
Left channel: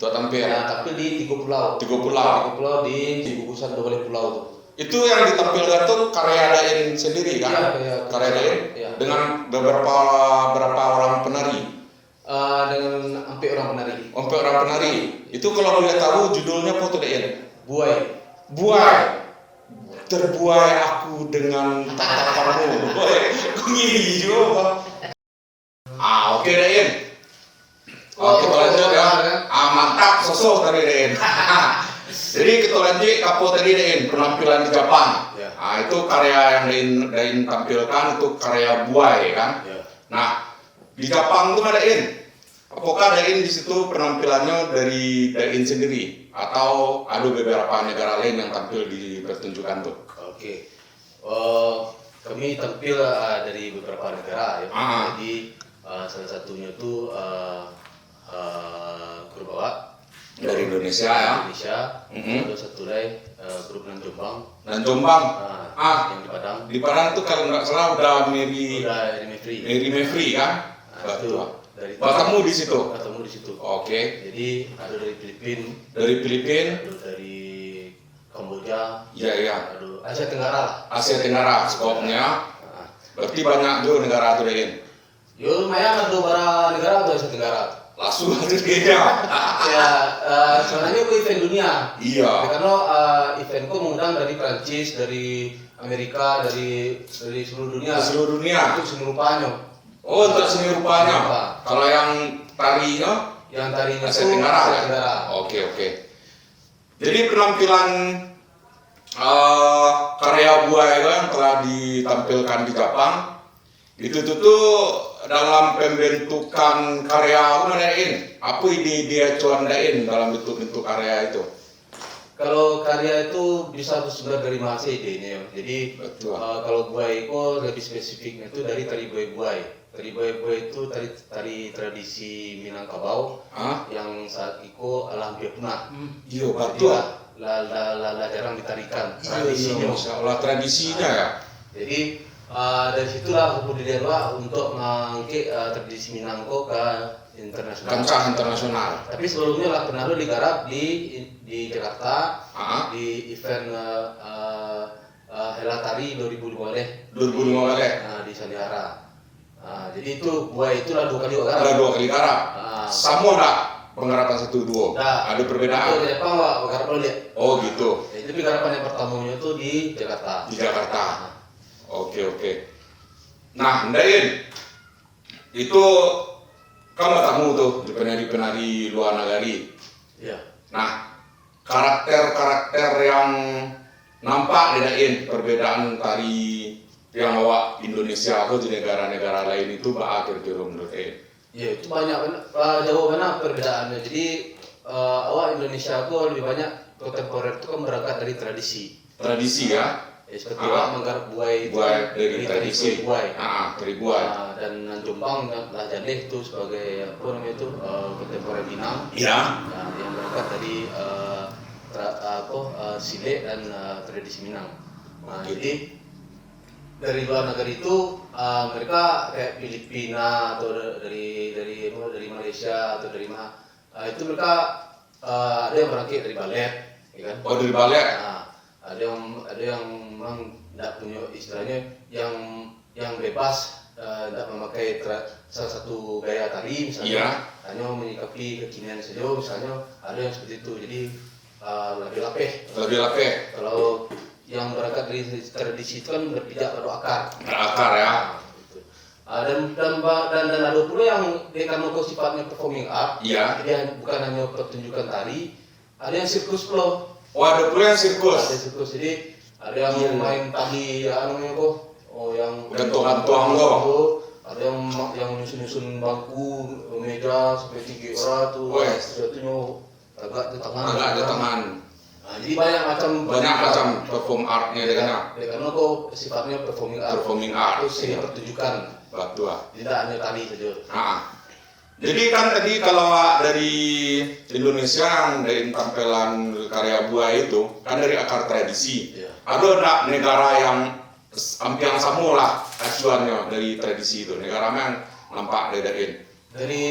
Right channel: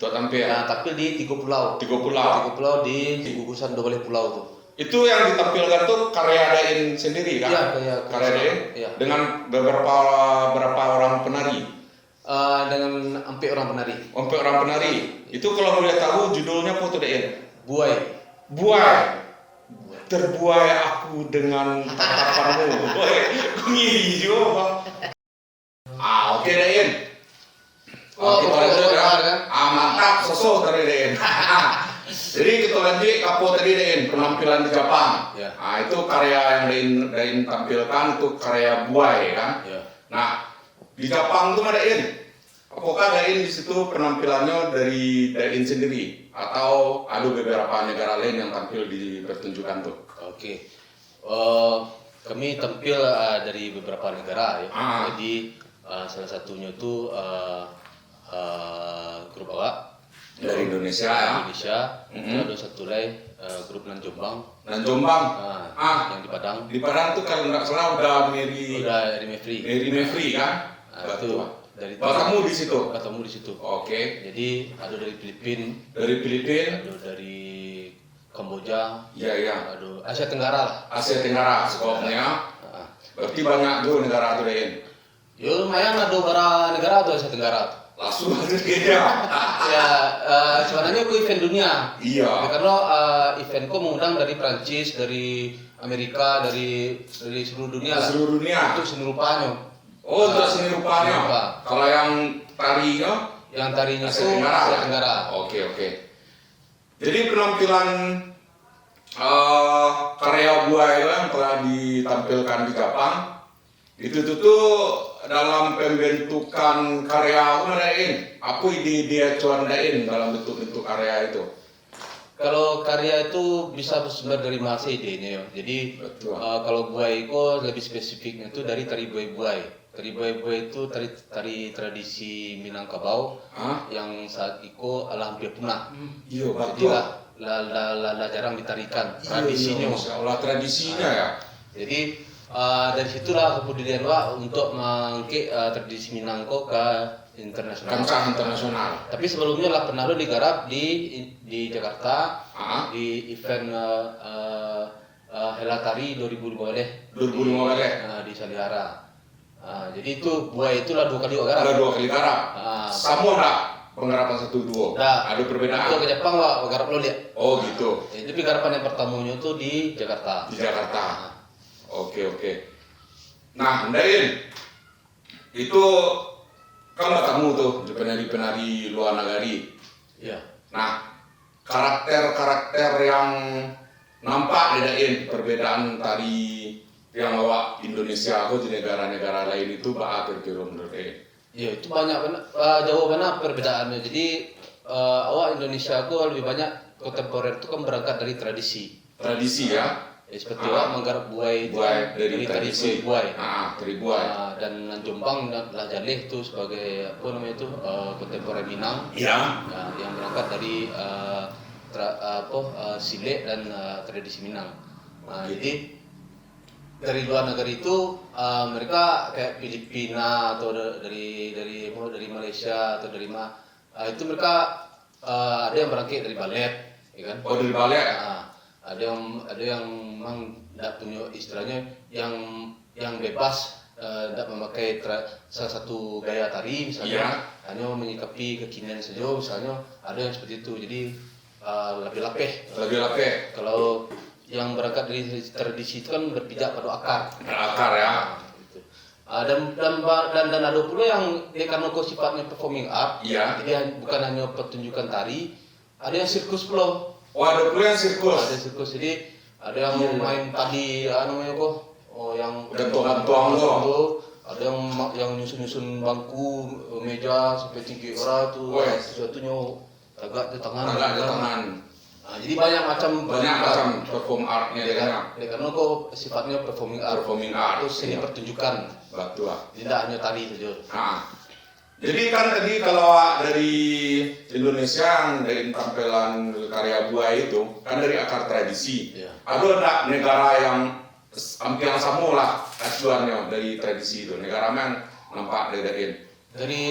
Tuh tampil. Tapi di 3 pulau. 3 pulau. 3 pulau di gugusan 2 balai pulau tuh. Itu yang ditampilkan tuh karya Dain sendiri kan? Iya. Karya Dain dengan berapa orang penari? Dengan hampir orang penari. Hampir orang penari. Itu kalau boleh tahu judulnya apa tuh Dain? Buai. Terbuai aku dengan tatapanmu. Ngiri juga. Oke Dain. Kita lanjut ya. Mantap sosok dari Dain. Jadi kita lanjut kapo tadi Dain, penampilan di Jepang. Itu karya yang Dain tampilkan itu karya Buai kan. Nah di Jepang itu ada Dain. Apakah Dain di situ penampilannya dari Dain sendiri atau ada beberapa negara lain yang tampil di pertunjukan tuh? Oke. Kami tampil dari beberapa negara ya. Jadi salah satunya itu grup awak dari Indonesia ya. Ada satu lagi grup Nanjombang. Yang di Padang. Di Padang tuh kalau nggak salah udah Mary Mevri kan. Betul. Ketemu di situ. Ketemu di situ. Oke. Jadi ada dari Filipina. Dari Filipina. Ada dari Kamboja. Iya. Aduh, Asia Tenggara lah. Asia Tenggara skopnya. Berarti banyak tuh negara tuh deh. Yo lumayan ada beberapa negara tuh Asia Tenggara. Langsung kayaknya. Ya, sebenarnya itu event dunia. Iya. Karena eventku mengundang dari Prancis, dari Amerika, dari seluruh dunia. Seluruh dunia. Itu seni rupanya. Oh, untuk seni rupanya. Kalau yang tarinya? Yang tarinya Asia itu Tenggara. Asia Tenggara. Oke. Jadi penampilan karya buaya itu yang telah ditampilkan di Jepang itu tuh dalam pembentukan karya apa ide dia cuandain dalam bentuk karya itu. Kalau karya itu bisa bersumber dari bahasa idenya. Jadi kalau buai itu lebih spesifiknya itu dari tari buai. Tari buai itu tari tradisi Minangkabau yang saat itu hampir punah. Iya, betul. La jarang ditarikan tradisinya. Iya, tradisinya ya. Jadi dari situlah kemudian untuk mengangkat tradisi Minangkau ke internasional. Kancah internasional. Tapi sebelumnya lah pernah digarap di Jakarta di event Hela Tari 2015 di Salihara. Jadi itu buaya itulah 2 kali garap. Ada 2 kali garap. Sama enggak penggarapan 1-2? Ada perbedaan. Kalau ke Jepang enggak garap lo lihat. Oh gitu. Tapi garapan yang pertamanya itu di Jakarta. Di Jakarta. Oke. Nah, Ndain, itu kan bertemu tuh di penari-penari luar negeri. Iya. Nah, karakter-karakter yang nampak Ndain perbedaan tari yang awak Indonesia atau di negara-negara lain itu apa kira-kira menurut Ya itu banyak jauh banget perbedaannya. Jadi awak Indonesia aku lebih banyak kontemporer itu kan berangkat dari tradisi. Tradisi ya. Seperti awak menggarap buai dari tradisi buai. Dari buai. Dan Jombang lah Jaleh itu sebagai kontemporer Minang. Iya. Yang berangkat dari Sile dan tradisi Minang. Jadi dari luar negeri itu mereka kayak Filipina atau dari Malaysia atau dari mana itu mereka ada yang berangkat dari balet, ya kan? Oh, dari balet. Ada yang memang tidak punya istilahnya yang bebas tidak memakai salah satu gaya tari misalnya, hanya menyikapi kekinian saja misalnya, ada yang seperti itu. Jadi lebih lapeh. Kalau yang berangkat dari tradisi itu kan berpijak pada akar. Akar ya. Gitu. Dan ada pula yang karena sifatnya performing art. Iya. Jadi bukan hanya pertunjukan tari, ada yang sirkus pula. Oh, ada pula yang sirkus. Ada sirkus. Jadi ada yang main tadi namanya kok. Oh, yang gantung-gantung tuh. Ada yang nyusun bangku, meja sampai 3 orang tuh. Oh, ya. Sesuatunya agak di tangan. Jadi banyak macam perform artnya dia kan. Karena kok sifatnya performing art. Itu seni pertunjukan. Betul. Tidak hanya tari saja. Jadi kan tadi kalau dari Indonesia yang dari tampilan karya buaya itu kan dari akar tradisi. Iya. Ada enggak negara yang hampir sama lah acuannya dari tradisi itu? Negara yang nampak dari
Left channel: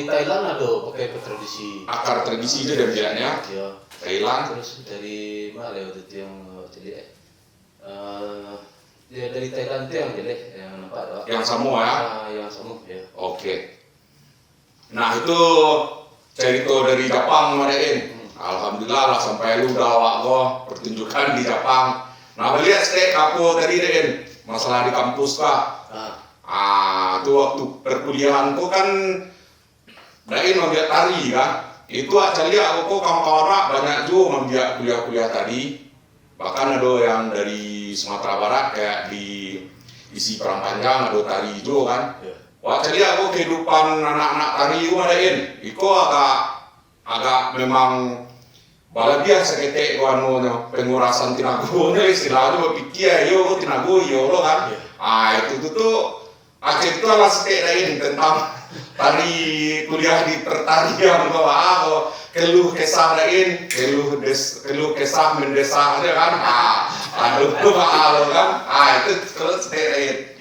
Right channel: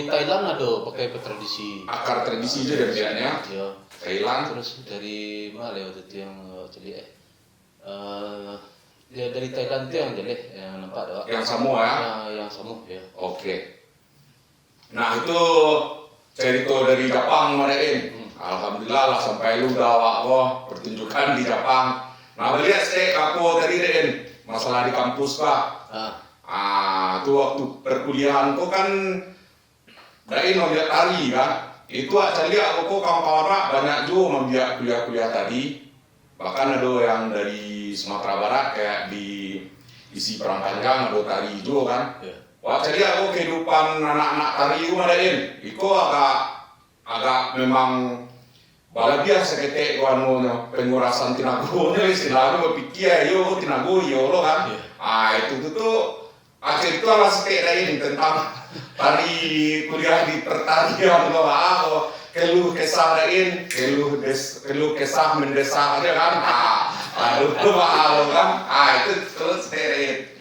Thailand ada pakai tradisi. Akar tradisi itu dan biasanya. Iya. Thailand. Terus dari mana ya itu yang jadi dari Thailand itu yang jelek yang nampak yang Samoa ya? Yang Samoa ya. Oke. Nah itu cerita dari Jepang marahin. Alhamdulillah lah sampai lu udah awak pertunjukan di Jepang. Nah melihat aku tadi Ren masalah di kampus Pak. Itu waktu perkuliahan tuh kan Dain membiak tari kan. Itu aja aku kawan-kawan banyak juga membiak kuliah-kuliah tadi. Bahkan ada yang dari Sumatera Barat kayak di isi Perang Panjang ada tari juga kan. Wah jadi aku kehidupan anak-anak tari itu madain. Itu agak memang balabiah seketek pengurasan tinagonya istilahnya berpikir yo tinago yo kan. Itu tuh akhir itu lah seketek lain tentang tadi kuliah di pertanian bahwa keluh kesah lain keluh kesah mendesak aja kan. Aduh kan. Itu terus lain.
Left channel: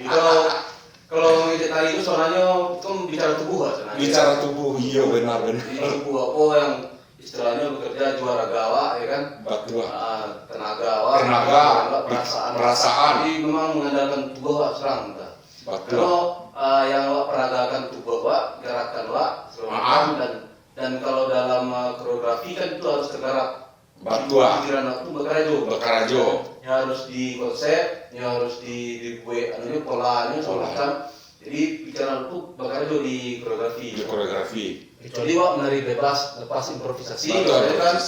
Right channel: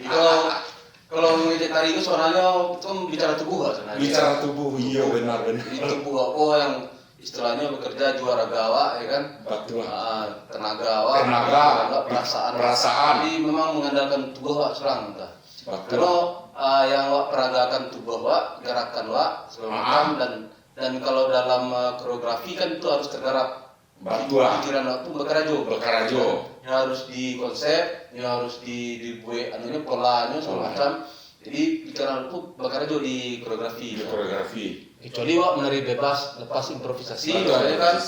Kalau ngedit tadi itu soalnya itu bicara tubuh kan? Bicara tubuh, iya benar. Tubuh aku yang istilahnya bekerja juara gawa, ya kan? kan. Betul. Tenaga, perasaan. Jadi memang mengandalkan tubuh Wak serang. Betul. Kalau yang Wak peragakan tubuh Wak, gerakan Wak, dan kalau dalam koreografi kan itu harus tergarap. Betul. Pikiran Wak itu berkarajo. Ya harus dikonsep, ya harus dibuat polanya semacam. Jadi pikiran itu berkarajo di koreografi. Kecuali Wak menari bebas, lepas improvisasi, kan,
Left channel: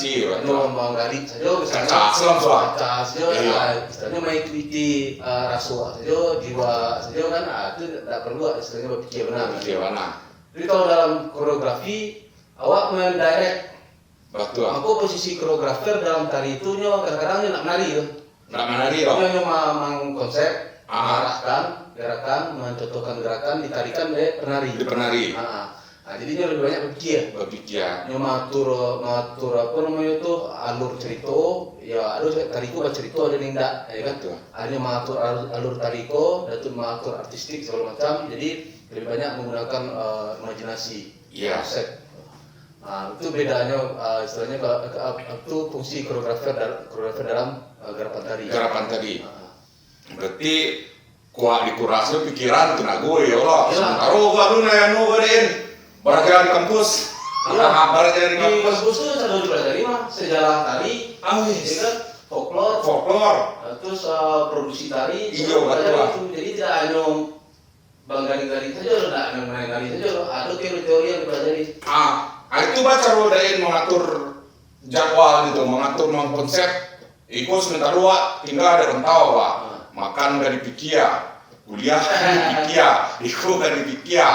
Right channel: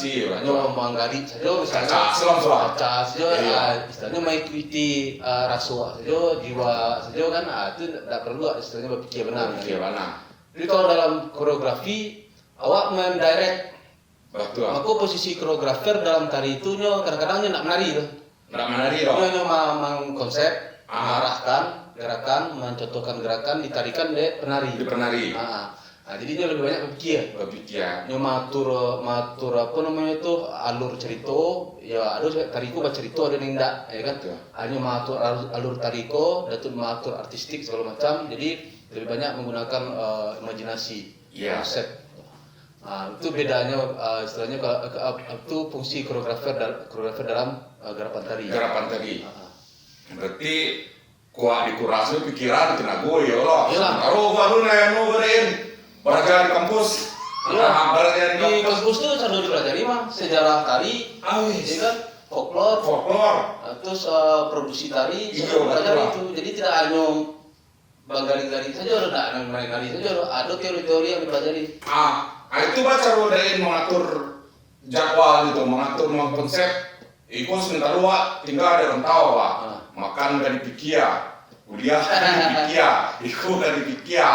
menggali saja, misalnya, istilahnya mengikuti rasa saja, jiwa saja kan, itu tidak perlu istilahnya berpikir benar. Jadi kalau dalam koreografi, awak mendirect, maka posisi koreografer dalam tari itu kadang-kadang nak menari, Nyo mengkonsep, mengarahkan gerakan, mencontohkan gerakan, ditarikan oleh penari. Jadi dia lebih banyak berpikir. Nyo matur apa namanya itu alur cerita, ya ada tariko bercerita ada nindak, ya kan? Ada matur alur tariko, dan matur artistik segala macam. Jadi lebih banyak menggunakan imajinasi, konsep. Itu bedanya istilahnya kalau itu fungsi koreografer dalam gerapan tari. Berarti kuat dikurasi pikiran kena gue ya Allah. Taruh baru nanya ngobrolin. Belajar di kampus. Di kampus itu saya belajar mah sejarah tari, folklore, terus produksi tari, belajar itu. Jadi tidak hanya banggali-gali saja, tidak hanya main-gali saja, ada teori-teori yang dipelajari. Itu baca rodain mengatur jadwal gitu, mengatur konsep. Ikut sebentar dua, tinggal ada rentau Pak. Makan dari pikir, kuliah dari pikir, ikut dari pikir.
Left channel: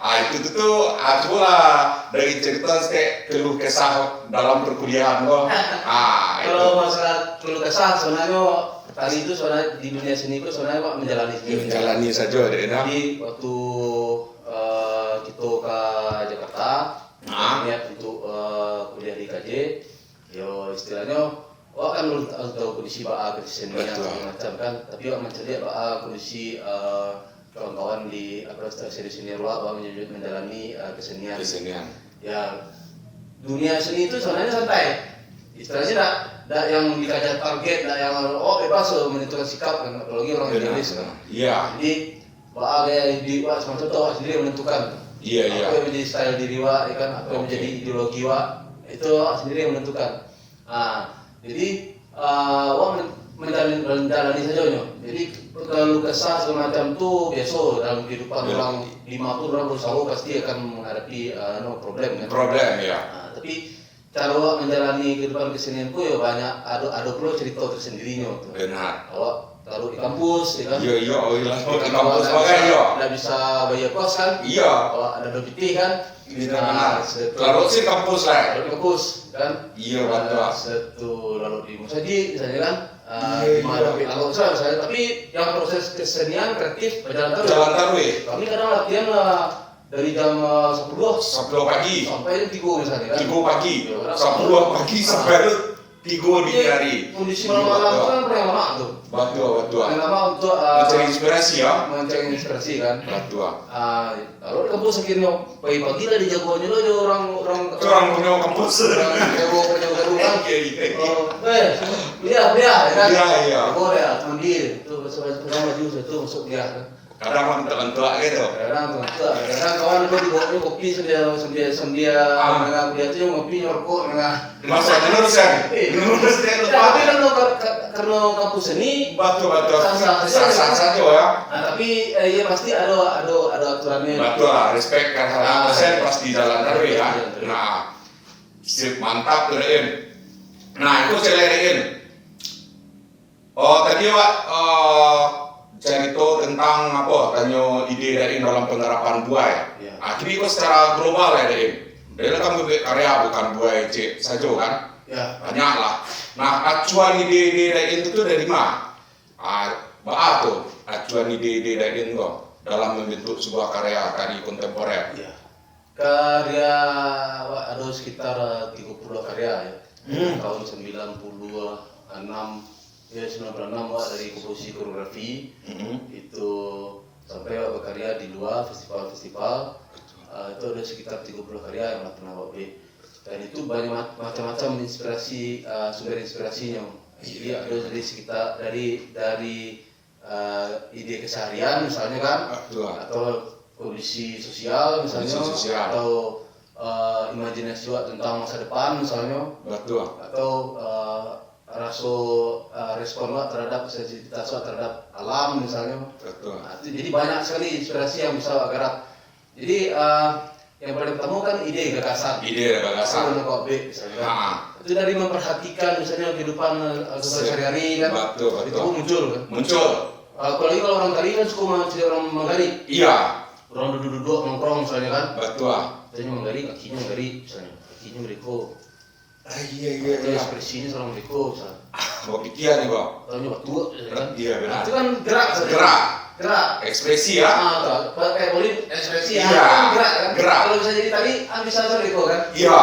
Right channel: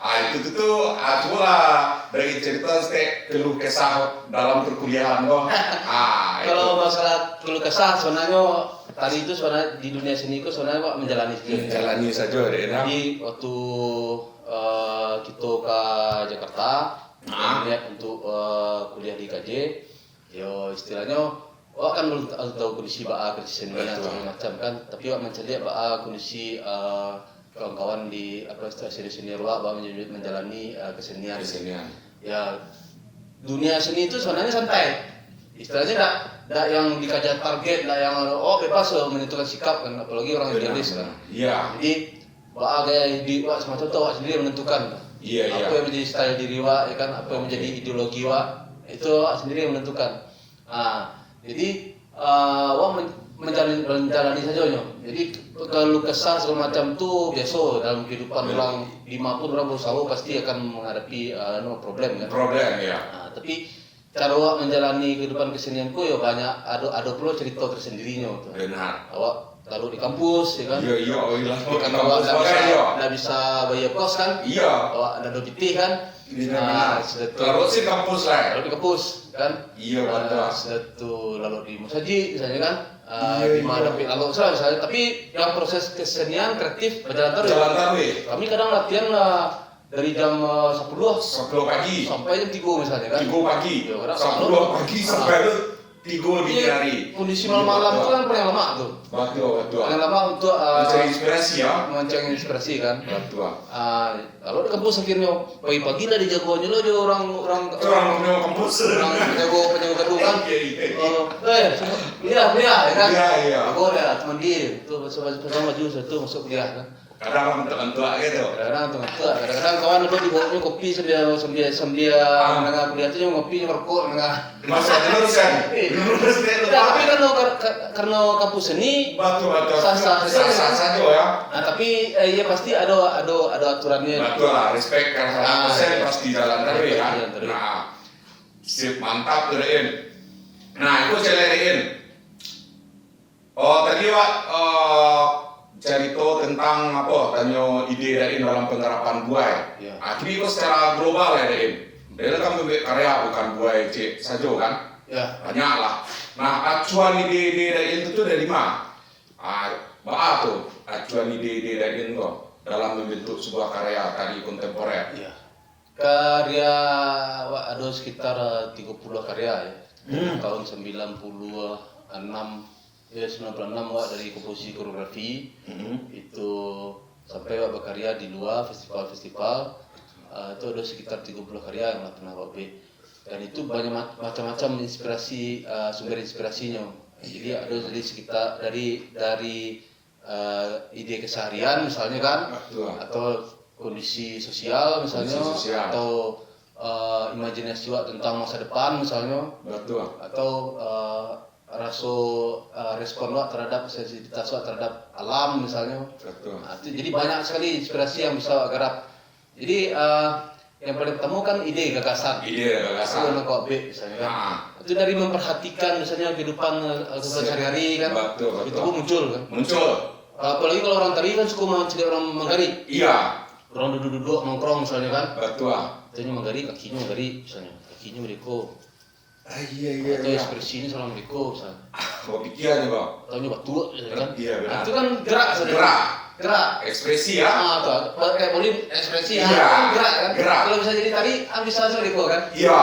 Itu tuh itulah dari cerita keluh kesah dalam perkuliahan loh. Kalau masalah keluh kesah sebenarnya tadi itu sebenarnya di dunia seni itu sebenarnya Pak menjalani saja. Jadi waktu kita ke Jakarta, untuk kuliah di KJ, yo istilahnya Wak kan harus tahu kondisi kondisi seni macam kan, tapi Wak mencari kondisi kawan-kawan di seni Wak menjalani kesenian. Ya dunia seni itu sebenarnya santai. Istilahnya tidak yang dikajar target, tidak yang bebas menentukan sikap kan, apalagi orang idealis kan. Jadi Wak kayak di Wak semacam itu Wak sendiri menentukan. Apa yang menjadi style diri Wak, ya kan? Apa yang menjadi ideologi Wak, itu Wak sendiri yang menentukan. Jadi Wak menjalani saja nyo. Jadi kalau kesah semacam itu biasa dalam kehidupan orang 50 orang berusaha pasti akan menghadapi problem kan. Tapi cara Wak menjalani kehidupan kesenianku ya banyak ada perlu cerita tersendiri nyo. Benar. Wak taruh di kampus, ya kan? Di kampus nggak bisa bayar kos kan? Wak ada lebih kan? Lalu sih kampus lah. Lalu di kampus kan? Betul. Satu lalu di Musaji misalnya kan? Di mana lalu misalnya. Tapi yang proses kesenian kreatif berjalan terus. Kami kadang latihan dari jam 10 pagi sampai jam 3 misalnya kan? 3 pagi. 10 pagi sampai 3 dini hari. Kondisi malam-malam itu kan paling lama tuh. Betul. Paling lama untuk mencari inspirasi ya. Mencari inspirasi kan. Betul. Kalau di kampus akhirnya pagi-pagi lah di jagoannya lah ada orang punya kampus. Orang jago kan. Kuliah ya kan. Iya. Jago ya, teman dia itu bersama maju itu masuk kuliah kan. Kadang mentua gitu. Kadang kawan itu dibawa kopi sambil menengah kuliah itu ngopi ngerokok nengah. Masa lulus kan? Lulus dia lupa. Tapi karena kampus seni betul. Sah ya. Tapi ya pasti ada aturannya. Betul lah, respect kan hal saya pasti jalan terus ya. Sip mantap keren. Itu saya lariin. Tadi Wak cerita tentang tanya ide dari dalam penerapan buai. Tapi itu secara global ya dari. Dia kan membuat karya bukan buai saja kan? Banyak lah. Acuan ide dari itu dari mana? Tuh acuan ide dari itu dalam membentuk sebuah karya tari kontemporer. Karya ada sekitar 30 karya ya. Tahun 96 dari komposisi koreografi itu sampai berkarya di luar festival-festival itu ada sekitar 30 karya yang pernah buat. Dan itu banyak macam-macam inspirasi, sumber inspirasinya. Jadi ada dari sekitar dari ide keseharian misalnya kan, atau kondisi sosial misalnya, atau imajinasi tentang masa depan misalnya, atau respon terhadap sensitivitas terhadap alam misalnya. Jadi banyak sekali inspirasi yang bisa garap. Jadi yang paling pertama kan ide gagasan. Kalau misalnya. Itu dari memperhatikan misalnya kehidupan sehari-hari kan. Itu muncul kan. Apalagi kalau orang tari kan suka jadi orang menggari. Iya. Orang duduk-duduk nongkrong misalnya kan. Betul. Menggari, kakinya menggari misalnya. Kakinya mereka. Iya. Atau ekspresi ini sama mereka misalnya. Pikiran nih bang. Atau batu kan. Iya benar. Itu kan gerak. Ekspresi ya. Kayak boleh ekspresi ya. Gerak kan. Kalau bisa jadi tadi, bisa mereka kan. Iya.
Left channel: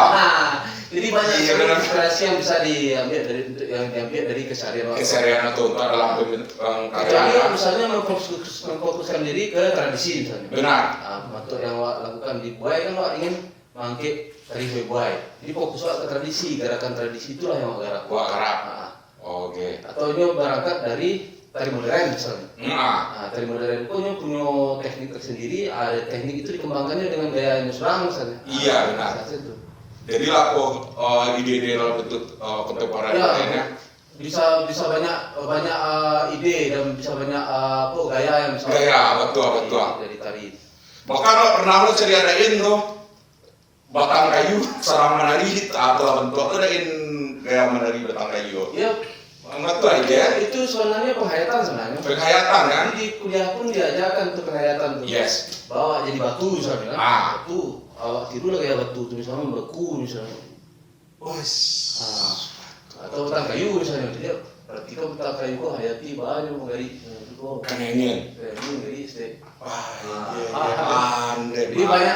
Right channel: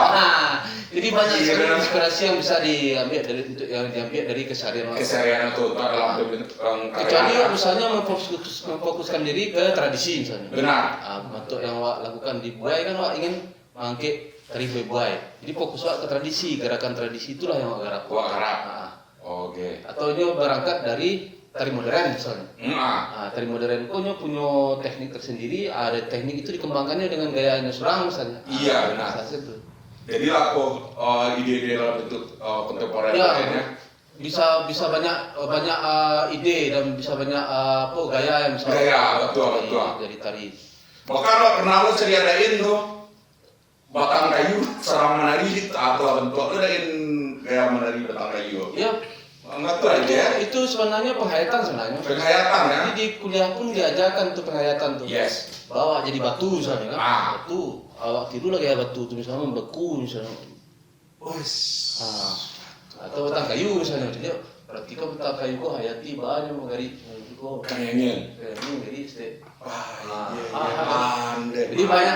Jadi banyak sekali inspirasi yang bisa diambil dari keseharian atau dalam kecuali misalnya memfokuskan diri ke tradisi misalnya. Benar. Untuk yang lakukan di Buai kan ingin mengangkat tari Buai. Jadi fokus ke tradisi, gerakan tradisi itulah yang garap. Oke. Atau ini berangkat dari tari modern misalnya. Tari modern itu punya teknik tersendiri. Ada teknik itu dikembangkannya dengan gayanya Surang misalnya. Iya benar. Jadi lah ide-ide dalam bentuk kontemporer ya, bisa banyak ide dan bisa banyak gaya yang bisa betul dari tari. Maka pernah lo sediain tuh batang kayu selama menari atau bentuk adain gaya menari batang kayu. Iya. Betul aja ya. Itu sebenarnya penghayatan sebenarnya. Penghayatan kan? Jadi di kuliah pun diajarkan untuk penghayatan tuh. Yes. Bawa jadi batu misalnya kan. Batu. Awak tidur lagi ya batu itu misalnya beku misalnya. Atau batang kayu misalnya. Jadi berarti kau batang kayu kau hayati banyak menggari. Kangenin. Jadi step. Jadi banyak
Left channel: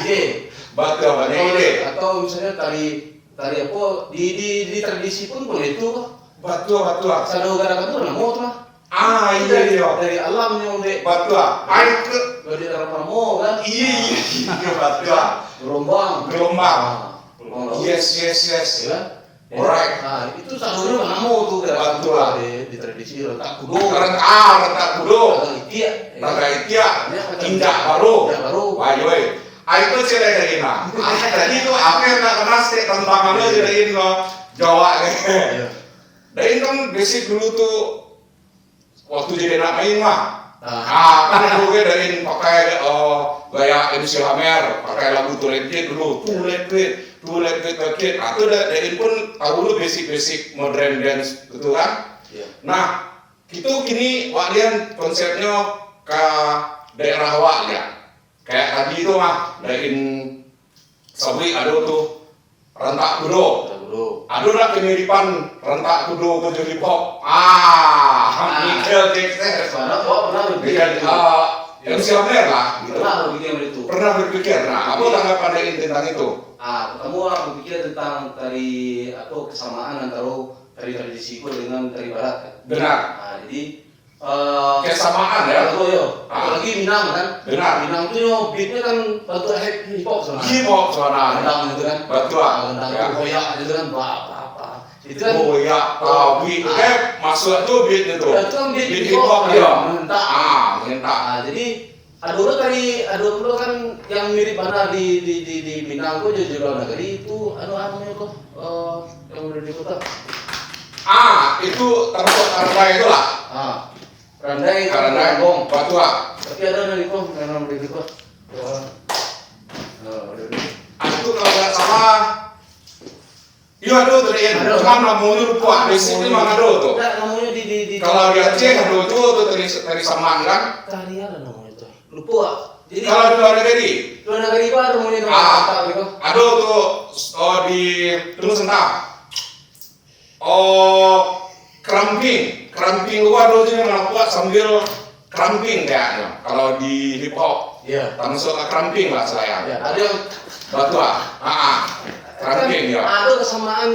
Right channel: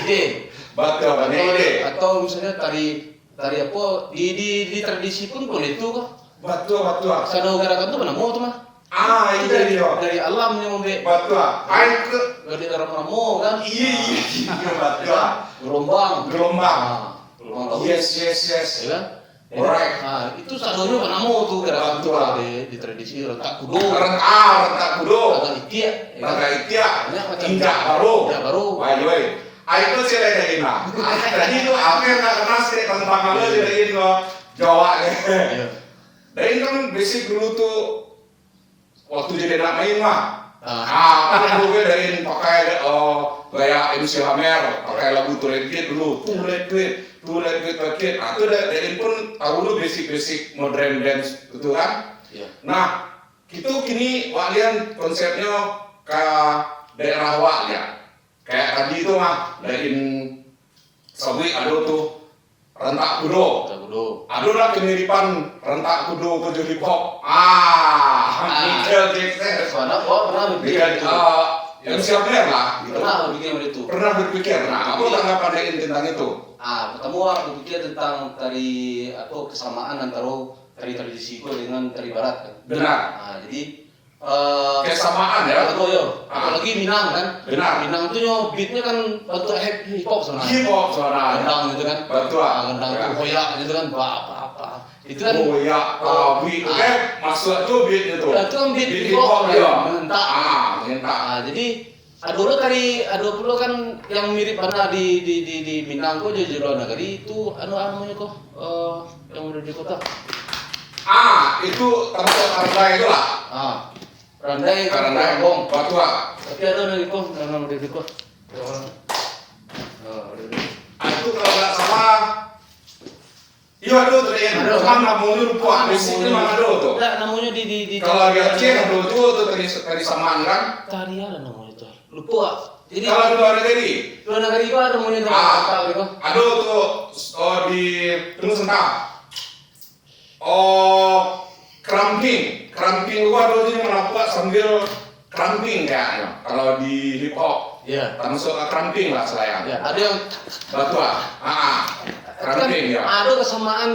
ide. Banyak ide. Atau misalnya tari apa di tradisi pun boleh itu. Betul. Sana gerakan tu namo tu mah. Iya. Dari alam yang betul. Air ke dari dalam namo kan. Iya betul. Gelombang. Yes. Ya. Alright. Itu satunya namo tu gerakan tu di tradisi rentak kudo. Rentak kudo. Tangga itia. Tindak baru. Wah. Itu sih dari mana? Tadi itu apa yang tak kenal sih tentang apa dari itu Jawa nih. Dan kan basic dulu tuh waktu jadi anak main mah. Kan dulu dari pakai gaya MC Hammer, pakai lagu Tulet dulu. Tulet. Itu dari pun tahu dulu basic modern dance gitu kan. Nah, itu gini walian konsepnya ke daerah wak ya. Kayak tadi itu mah dari Sawi ada tuh rentak kudo. Ada lah kemiripan rentak kudo ke hip hop. Michael Jackson. Yang siapa lah. Pernah berpikir. Nah, apa tanggapan dari tentang itu? Pertama aku berpikir tentang tari atau kesamaan antara tari tradisi dengan tari barat. Benar. Jadi kesamaan ya. Apalagi Minang kan. Benar. Minang itu beatnya kan batu hip hop sebenarnya. Hip hop sebenarnya. Gendang gitu kan. Betul. Gendang itu koyak gitu kan. Apa. Itu kan. Koyak, beat. Masuk tuh beat itu. Itu kan beat hip hop ya. Mengentak. Jadi ada dulu kan yang mirip mana di Minang kok di luar negeri itu namanya kok yang ada di kota. Itu termasuk Randai itu lah. Randai Bong, Batua. Tapi ada dari kok nama dari kok. Itu kalau nggak salah. Iya ada tuh dari cuman namanya lupa. Basicnya mana ada tuh. Namanya di kalau di Aceh ada itu tuh dari Saman kan. Tari ada namanya itu. Lupa. Jadi kalau di luar negeri. Luar negeri itu ada namanya gitu. Ada tuh di terus entah. Cramping gua ada sih melakukan sambil cramping kayaknya. Kalau di hip hop, termasuk cramping lah saya. Ada yang Batua. Cramping ya. Ada kesamaan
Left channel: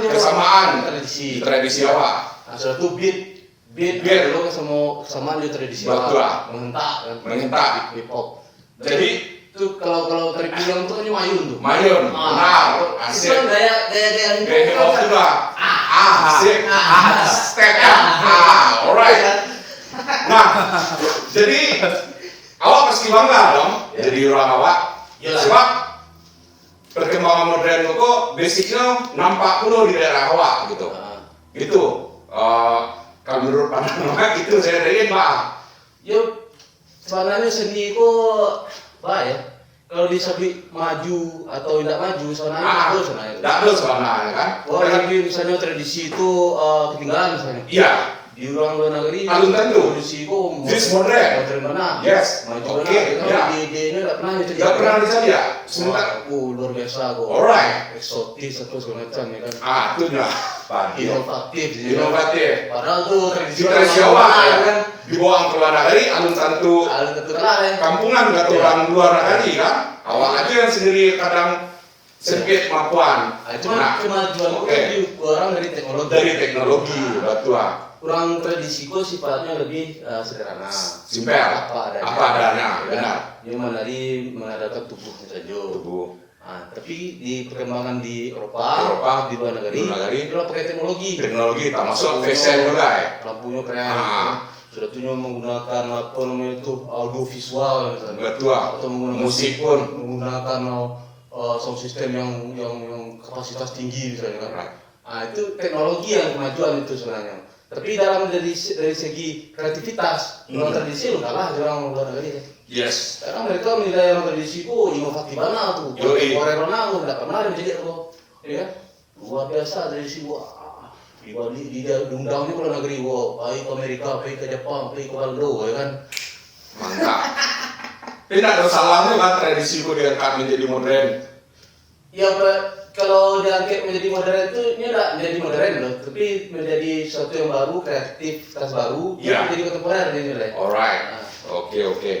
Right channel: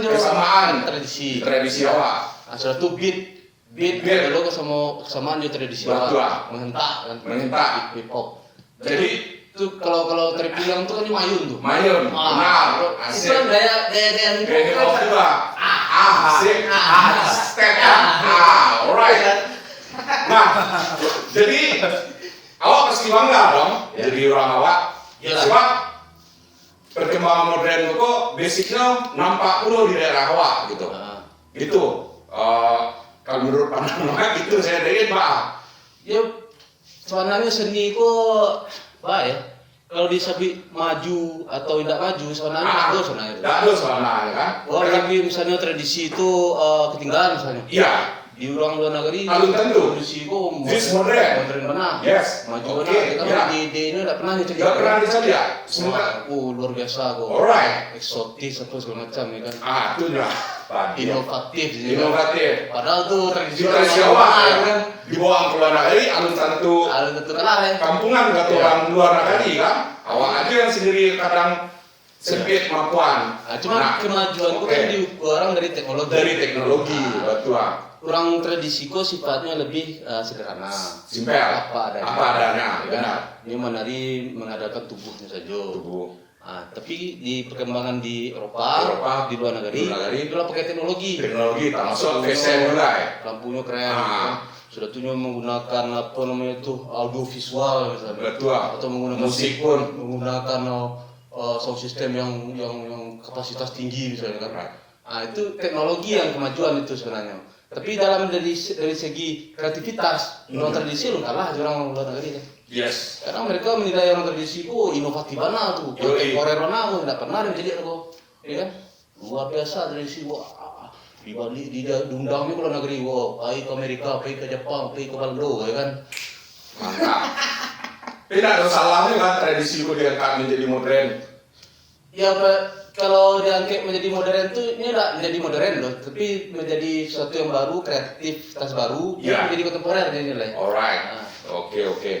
tradisi Jawa. Suatu beat dulu kesamaan di tradisi Batua. Mengentak hip hop. Jadi itu kalau tari pulang tuh kan ini mayun tuh. Mayun, benar. Itu kan gaya hip hop juga. Asik. Step ya. Alright. Nah, jadi awak pasti bangga dong jadi orang awak. Sebab perkembangan modern itu basicnya nampak dulu di daerah awak gitu. Gitu. Kalau menurut pandangan awak itu saya dari Pak. Ya sebenarnya seni kok baik ya. Kalau disebut maju atau tidak maju sebenarnya tidak ada sebenarnya. Tidak ada sebenarnya kan. Oh, tapi misalnya tradisi itu ketinggalan misalnya. Iya. Di luar negeri belum tentu. Tradisi itu This modern. benar. Yes. Maju Oke. benar. Di ini tidak pernah itu. Tidak pernah disaja. Sebentar. Luar biasa kok. Alright. Eksotis atau segala macam ya kan. Itu lah. Inovatif. Padahal tuh tradisi awak ya kan. Dibawa ke luar negeri, alun tentu kampungan atau orang luar negeri kan. Awak aja yang sendiri kadang sempit kemampuan. Cuma kemajuan itu diukur dari teknologi. Dari teknologi, betul. Kurang tradisi kok sifatnya lebih sederhana. Simpel. Apa adanya, benar. Dia menadakan tubuhnya saja. Tapi di perkembangan di Eropa di luar negeri, itu pakai teknologi. Teknologi, termasuk fashion mulai. Lampunya keren. Sudah tuh menggunakan apa namanya itu audio visual betul, atau menggunakan musik pun menggunakan sound system yang kapasitas tinggi misalnya kan. Itu teknologi yang kemajuan itu sebenarnya. Tapi dari segi kreativitas orang tradisi lu kalah orang luar negeri. Yes. Karena mereka menilai orang tradisi itu inovatif banget tuh. Orang mana tidak pernah menjadi itu, ya luar biasa tradisi gua. Di diundangnya ke luar negeri, pergi ke Amerika, pergi ke Jepang, pergi ke Belanda, ya kan? Mantap. Tidak ada salahnya kan tradisi itu diangkat menjadi modern. Ya, kalau diangkat menjadi modern itu ini tidak menjadi modern loh, tapi menjadi sesuatu yang baru, kreativitas baru, menjadi kontemporer ini lah. Alright. Oke.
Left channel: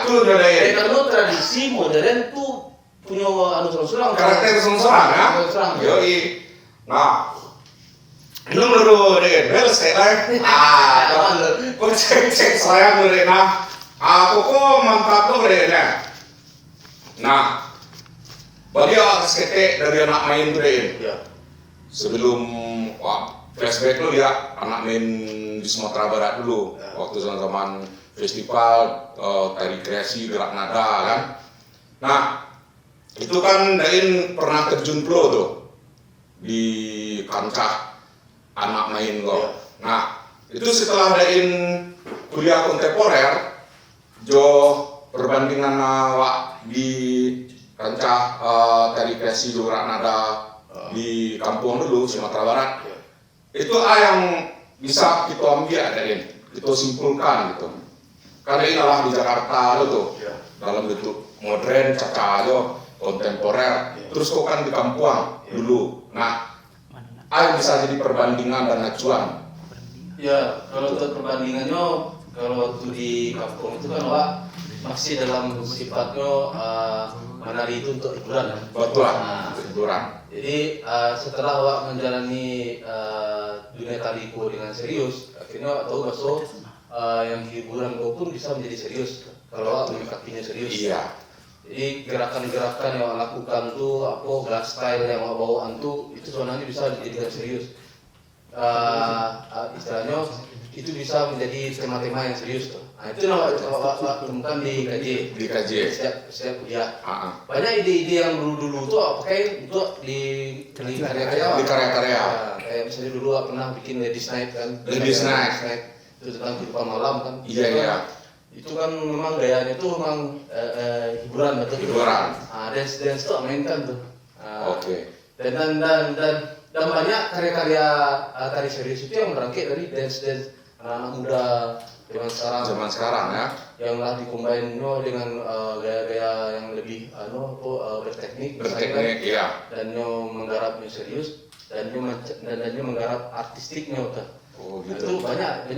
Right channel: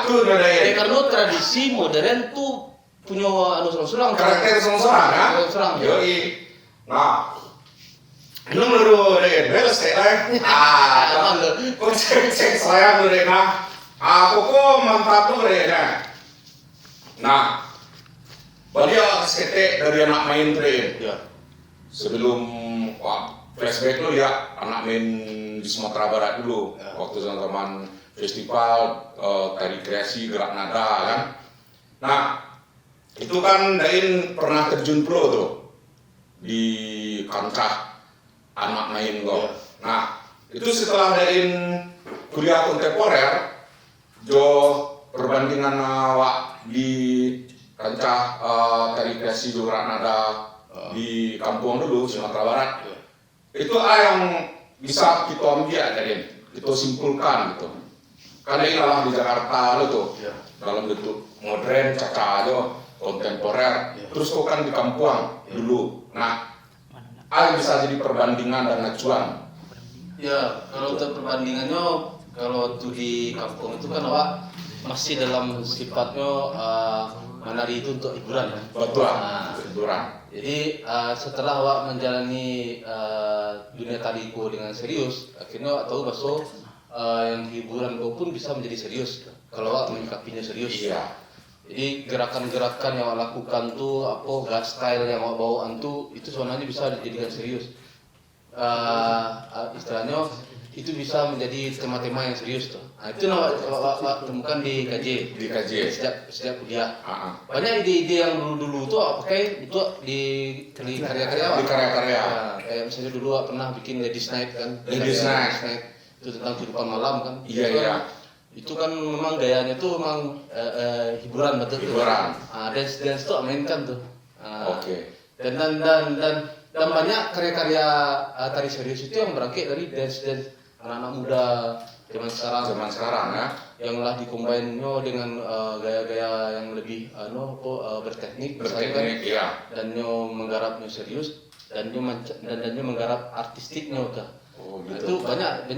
Itu udah ya. Karena tradisi modern tuh punya serang-serang. Karakter serang-serang ya. Yoi. Nah. Ini baru deh, beres kayak kok cek saya deh nah, aku kok mantap tuh deh nah, bagi awak ketek dari anak main deh, sebelum flashback dulu ya, anak main di Sumatera Barat dulu, waktu zaman festival tari kreasi gerak nada kan, nah itu kan Dain pernah terjun pro tuh di kancah anak main lo. Nah, itu setelah Dain kuliah kontemporer, perbandingan awak di kancah tari kreasi gerak nada di kampung dulu Sumatera Barat. Itu yang bisa kita ambil Dain, kita simpulkan gitu. Karena inilah di Jakarta lo tuh, dalam bentuk modern, caca kontemporer, terus kok kan di kampung dulu. Nah, yang bisa jadi perbandingan dan acuan. Ya, kalau untuk perbandingannya, kalau itu di kampung itu kan Pak masih dalam sifatnya menari itu untuk hiburan. Betul, hiburan. Jadi setelah Wak menjalani dunia tariku dengan serius, akhirnya tahu bahwa yang hiburan pun bisa menjadi serius kalau Wak menyikapinya serius. Iya. Jadi gerakan-gerakan yang lakukan tuh gak style yang bawaan tuh itu sebenarnya bisa dijadikan serius. Istilahnya itu bisa menjadi tema-tema yang serius tuh. Nah itu Wak temukan di KJ. Di KJ. Setiap kuliah. Banyak ide-ide yang dulu tuh pakai untuk di karya-karya. Di karya-karya. Kayak misalnya dulu Wak pernah bikin Lady Snipe kan. Lady Snipe. Itu tentang kehidupan malam kan. Iya. Itu kan memang gayanya tuh memang hiburan betul. Hiburan. Dance tuh mainkan tuh. Oke. Dan banyak karya-karya tari serius itu yang berangkat dari dance anak-anak muda zaman sekarang ya. Yang lah dikombinnya dengan gaya-gaya yang lebih berteknik ya. Dan menggarapnya serius dan menggarap artistiknya kan. Gitu. Itu banyak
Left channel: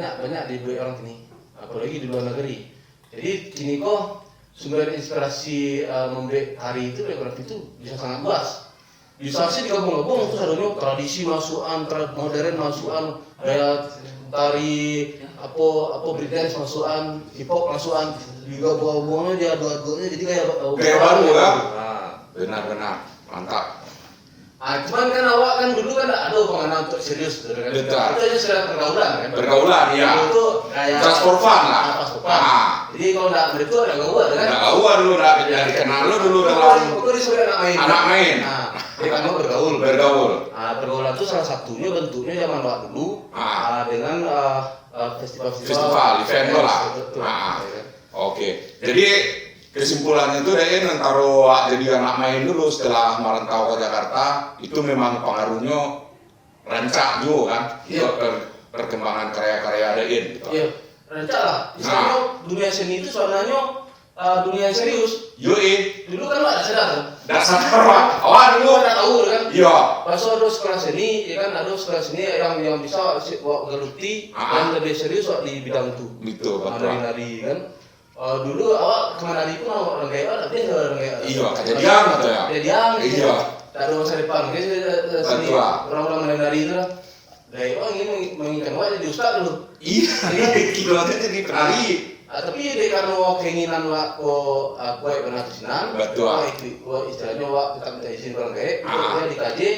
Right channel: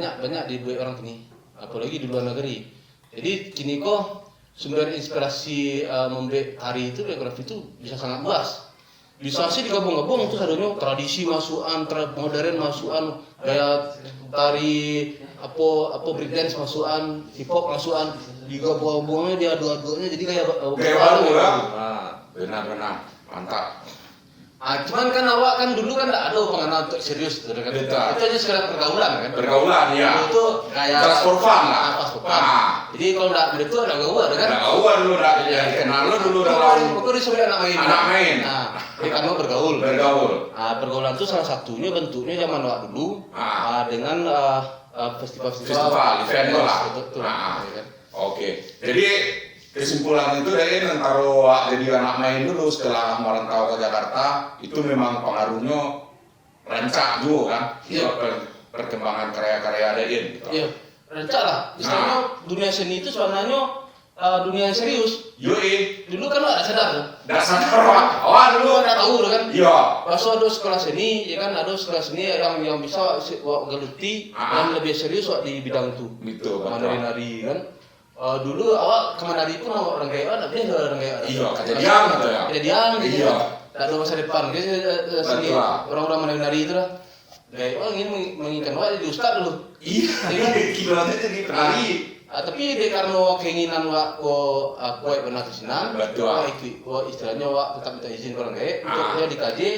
di orang ini. Apalagi di luar negeri. Jadi kini kok sumber inspirasi membuat hari itu koreografi itu bisa sangat luas. bisa sih digabung-gabung itu seharusnya tradisi masukan, modern masukan, kayak tari apa breakdance masukan, hip hop masukan, digabung-gabungnya dia dua-duanya jadi kayak baru ya. Benar mantap. Cuman kan awak kan dulu kan ada pengenal untuk serius gitu kan. Itu aja sekedar pergaulan kan. Pergaulan ya. Itu kayak just for fun lah. Jadi kalau enggak begitu ada gawat kan. Ada gawat dulu enggak dikenal lu dulu dalam. Itu disuruh anak main. Anak main. Jadi kamu bergaul. Pergaulan itu salah satunya bentuknya zaman awak dulu dengan festival event lah. Oke. Jadi kesimpulannya itu deh antara jadi anak main dulu setelah merantau ke Jakarta itu memang pengaruhnya rancak juga kan perkembangan karya-karya Dein gitu. Iya, rancak lah. Istilahnya dunia seni itu sebenarnya dunia yang serius. Dulu kan nggak ada sadar. Nggak sadar awak dulu nggak tahu kan. Iya. Pas ada sekolah seni, ya kan ada sekolah seni yang bisa geluti dan lebih serius di bidang itu. Betul. Nari kan. Dulu awak kemana-mana pun awak orang kayak tapi orang kayak iya kejadian gitu ya iya tak ada masa depan seni orang-orang menari itu lah kayak orang ini menginginkan awak jadi ustad dulu kilonya jadi penari tapi dia karena keinginan awak aku pernah kesenang istilahnya awak tetap minta izin orang kayak dia dikaji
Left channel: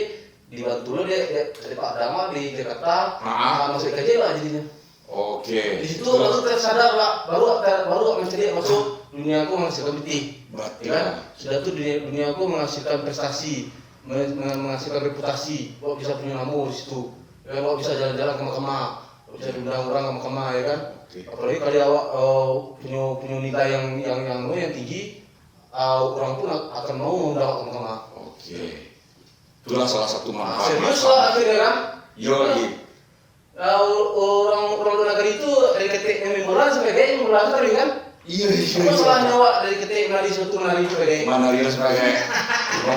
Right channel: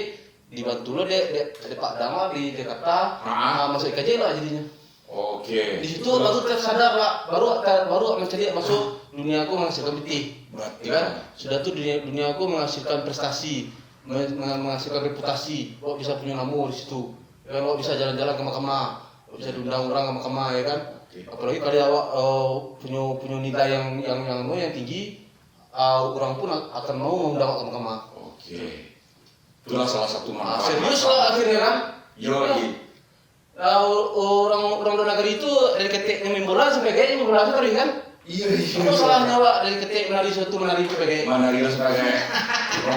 dibantu lo dia Pak Dama di Jakarta masuk kaji lah jadinya. Oke. Di situ baru tersadar Pak, baru mencari masuk dunia aku menghasilkan putih. Kan? Sudah tuh dunia aku menghasilkan prestasi, menghasilkan reputasi. Bawa bisa punya nama di situ. Bawa bisa jalan-jalan ke mahkamah, bisa diundang orang ke mahkamah ya kan. Apalagi kalau awak punya nilai yang tinggi, orang pun akan mau mengundang ke mahkamah. Oke. Itulah salah satu manfaat. Serius lah akhirnya kan. Yo. Orang luar negeri itu dari ketik memorial sampai kayak memorial tadi kan? Iya. Apa salahnya awak dari ketik nari suatu nari sebagai? Nari sebagai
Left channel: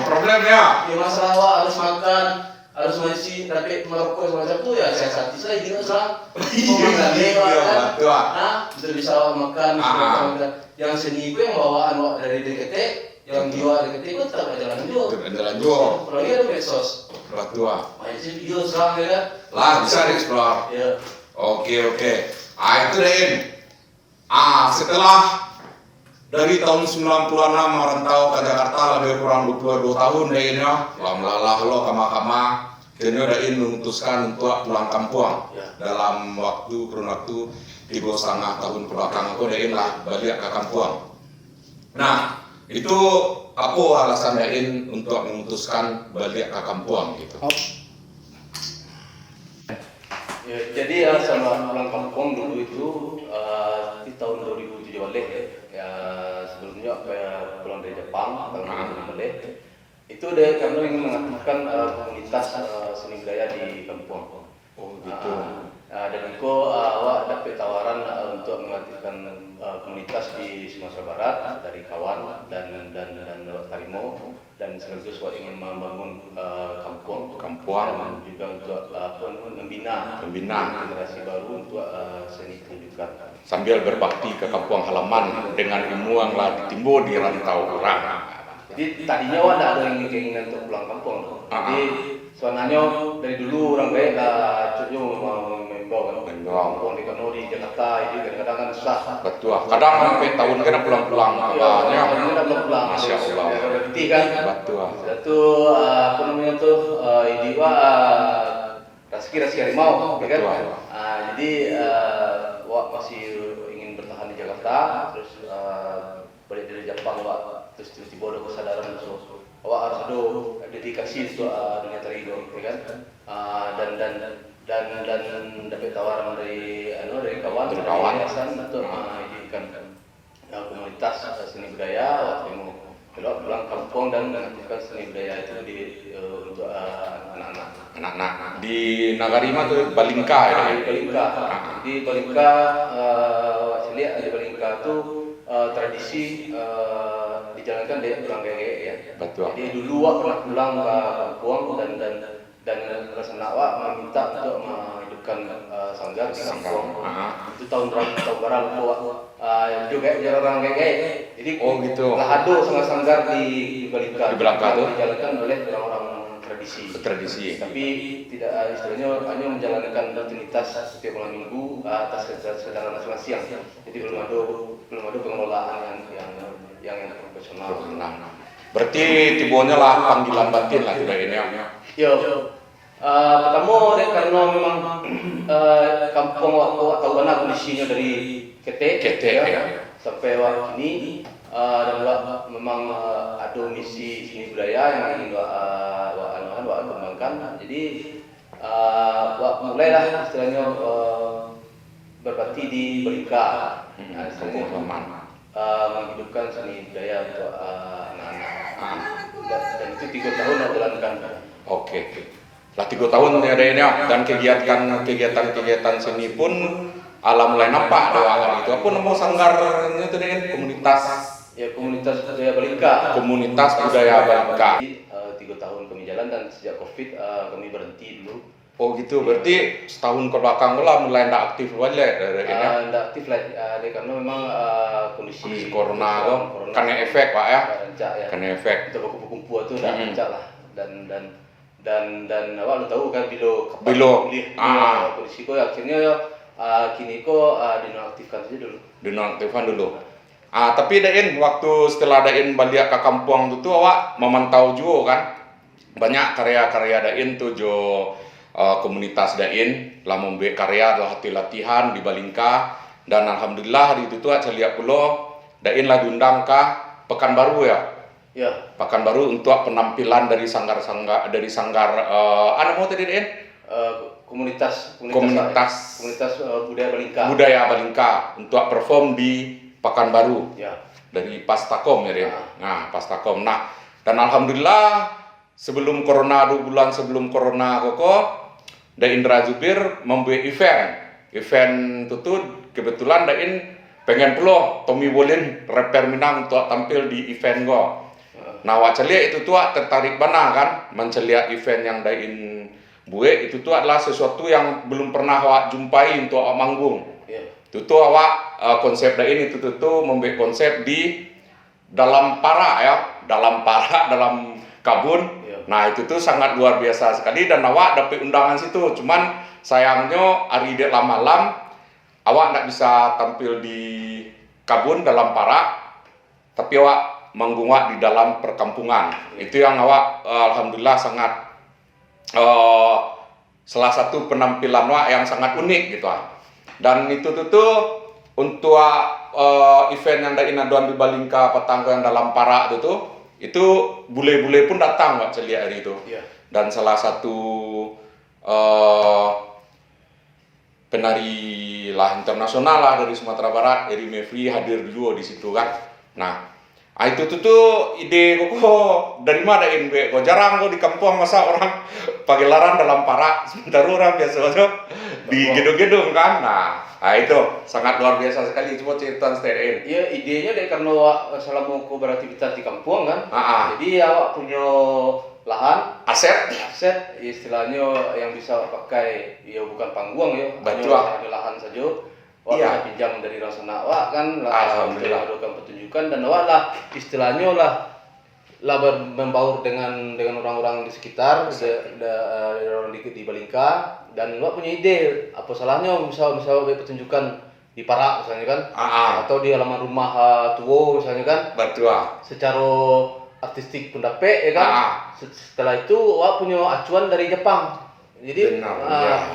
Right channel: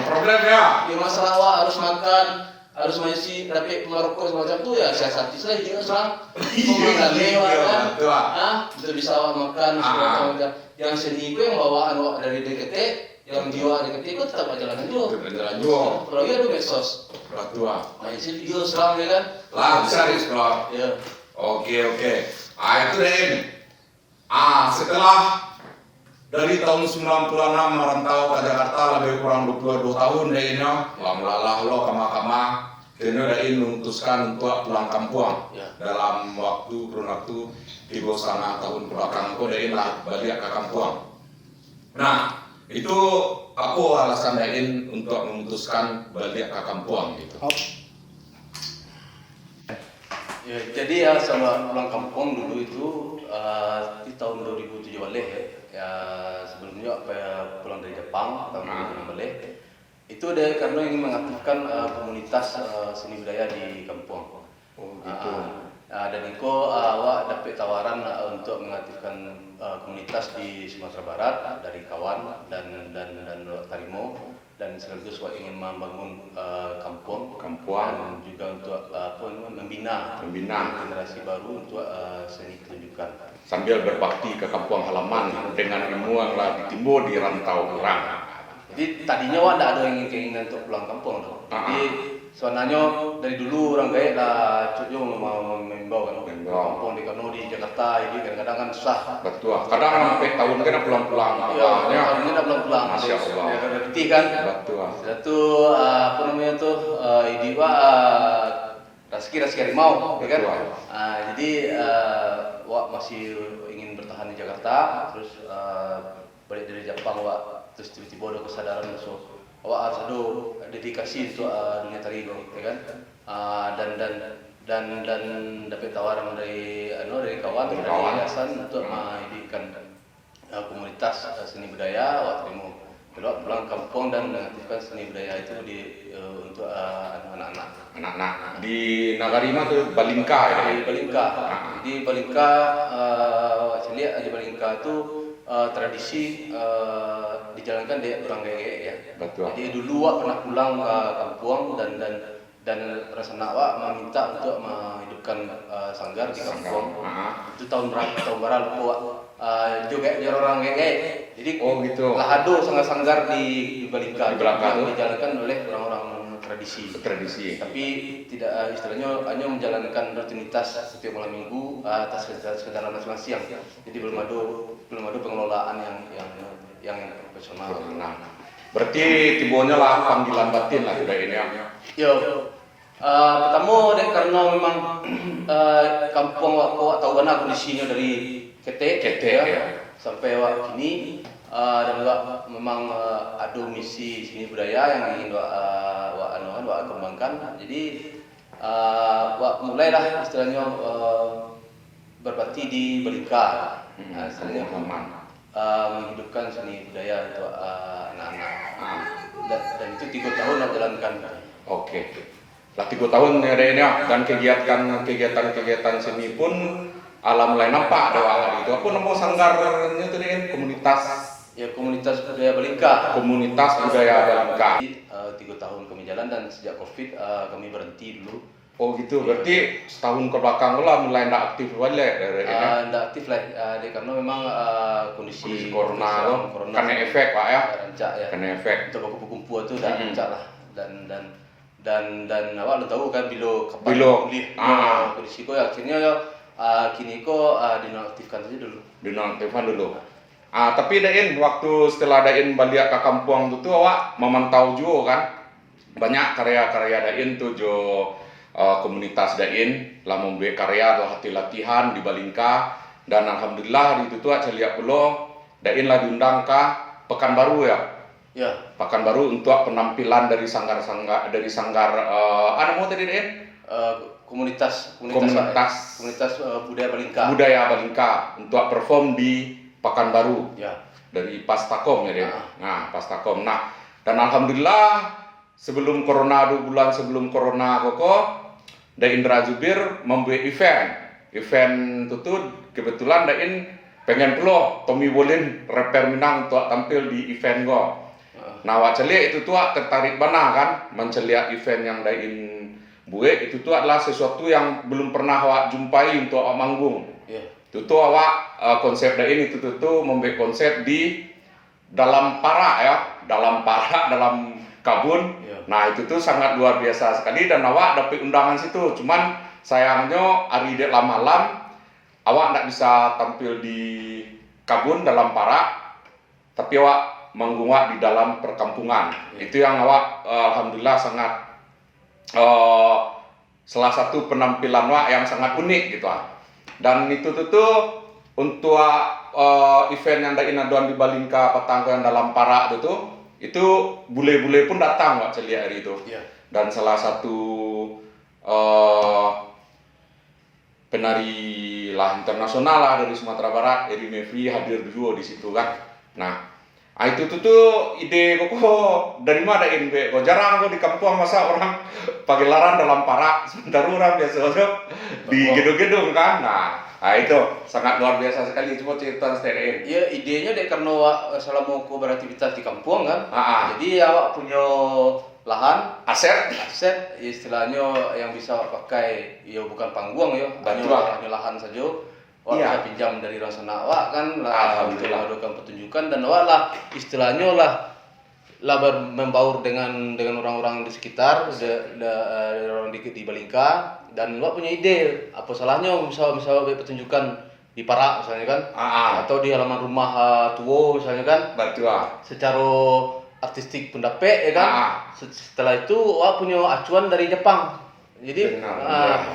problem ya. Ya masalah awak harus makan, harus masih tapi merokok semacam itu ya saya hati saya tidak salah. Iya. Betul bisa awak makan, makan. Yang seni itu yang bawaan awak dari ketik, yang jiwa dari ketik itu tetap jalan juga. Jalan juga. Apalagi ada medsos. Tua. Masih video serang ya kan? Lah bisa dieksplor. Iya. Oke. Itu deh. Setelah dari tahun 96 merantau ke Jakarta lebih kurang 22 tahun deh ini. Lama lo kama-kama. Kini Dein memutuskan untuk pulang kampung. Dalam kurun waktu 3,5 tahun belakangan kok Dein lah balik ke kampung. Nah, itu apa alasan Dein untuk memutuskan balik ke kampung gitu? Ya, jadi selama pulang kampung dulu itu di tahun 2007 ya sebelumnya pulang dari Jepang tahun 2007 itu dia karena ingin mengaktifkan komunitas seni budaya di kampung. Oh gitu. Dan itu awak dapat tawaran untuk mengaktifkan komunitas di Sumatera Barat dari kawan dan Tarimo dan sekaligus awak ingin membangun kampung dan juga untuk membina generasi baru untuk seni pertunjukan sambil berbakti ke kampung halaman dengan ilmu yang lah timbul di rantau orang. Jadi tadinya awak tidak ada keinginan untuk pulang kampung. Jadi soalnya dari dulu orang baik tujuh membawa kampung di Kono di Jakarta itu kadang-kadang kan susah. Betul. Kadang sampai tahun kan pulang-pulang. Pulang. Masya Allah. Berarti kan. Betul. Satu apa namanya tuh idewa rezeki harimau, kan? Jadi awak masih ingin bertahan di Jakarta, terus balik dari Jepang awak terus tiba-tiba ada kesadaran so awak harus ada dedikasi untuk dunia tari kan dan dapat tawaran dari kawan untuk mendirikan komunitas seni budaya waktu mau pulang kampung dan melakukan seni budaya itu untuk anak-anak di Nagarima tuh Balingka ya. Di Balingka lihat di Balingka itu tradisi dijalankan di pulang gege ya. Betul. Jadi dulu awak pernah pulang ke kampung dan rasanya awak meminta untuk menghidupkan sanggar di kampung. Itu tahun berapa awak juga biar orang gege. Jadi gitu. nggak ada sanggar di Balingka. Dijalankan oleh orang-orang tradisi. Tapi tidak istilahnya hanya menjalankan rutinitas setiap malam minggu atas kedatangan masing-masing. Jadi belum ada pengelolaan yang profesional. Berarti tibonya lah panggilan batin lah tidak ini ya. Pertama karena memang kampung atau mana kondisinya dari ketek ya, sampai waktu ini dan memang ada misi seni budaya yang ingin kembangkan. Jadi mulai dah istilahnya berbakti di Balingka, menghidupkan seni budaya untuk anak-anak. Dan itu 3 tahun aku jalankan. Oke. Lah 3 tahun ya dan kegiatan seni pun mulai nampak bahwa itu aku nemu sanggar itu dengan komunitas budaya Balingka. Komunitas budaya Balingka. 3 tahun kami jalan dan sejak Covid kami berhenti dulu. Oh gitu, berarti setahun ke belakang lah mulai ndak aktif balik ndak aktif lah karena memang kondisi corona karena efek Pak ya. Karena efek. Untuk kumpul itu dah rancak lah dan awak lo tahu kan bilo kondisi ko akhirnya kini ko dinonaktifkan saja dulu. Dinonaktifkan dulu. Tapi Dain waktu setelah Dain balik ke kampung itu awak memantau juga kan banyak karya-karya Dain tuh jo komunitas Dain lah membuat karya atau latihan di Balingka dan alhamdulillah di itu tuh saya lihat pula Dain lah diundang ke Pekanbaru ya. Ya. Pekanbaru untuk penampilan dari sanggar mau tadi Dain? Komunitas budaya Balingka. Budaya Balingka untuk perform di Pekanbaru. Ya. Dari Pastakom ya Dain. Pastakom. Dan alhamdulillah sebelum corona 2 bulan sebelum corona Dain Rajubir membuat event itu kebetulan Dain pengen pula Tommy Bolin rapper Minang untuk tampil di event wak celia itu tuh tertarik bana kan menceliak event yang Dain buat itu tuh adalah sesuatu yang belum pernah awak jumpai untuk awak manggung. Itu tuh awak konsep Dain itu tuh membuat konsep di dalam dalam kabun. Nah itu tuh sangat luar biasa sekali dan awak dapat undangan situ. Cuman sayangnya hari dek malam awak nggak bisa tampil di kabun dalam parak, tapi awak manggung di dalam perkampungan. Itu yang awak alhamdulillah sangat salah satu penampilan awak yang sangat unik gitu. Dan itu tuh untuk event yang Dain aduan di Balingka Petangko yang dalam parak itu bule-bule pun datang Pak celia hari itu. Dan salah satu penari lah internasional lah dari Sumatera Barat, Eri Mevri hadir dulu di situ kan. Itu tuh ide kok dari mana Dain kok jarang kok di kampung masa orang pagelaran dalam parak sementara orang biasa di gedung-gedung kan. Itu sangat luar biasa sekali. Coba cerita Dain. Iya, idenya deh karena selama aku beraktivitas di kampung kan. Jadi awak punya lahan, aset istilahnya yang bisa pakai ya bukan panggung ya. Ada lahan saja. Bisa pinjam dari rasana awak kan. Alhamdulillah. Melakukan pertunjukan dan awak lah istilahnya lah membaur dengan orang-orang di sekitar, orang di Balingka dan awak punya ide apa salahnya misalnya pertunjukan di parak misalnya kan, atau di halaman rumah tua misalnya kan, secara artistik pun dapat ya kan. Setelah itu awak punya acuan dari Jepang. Jadi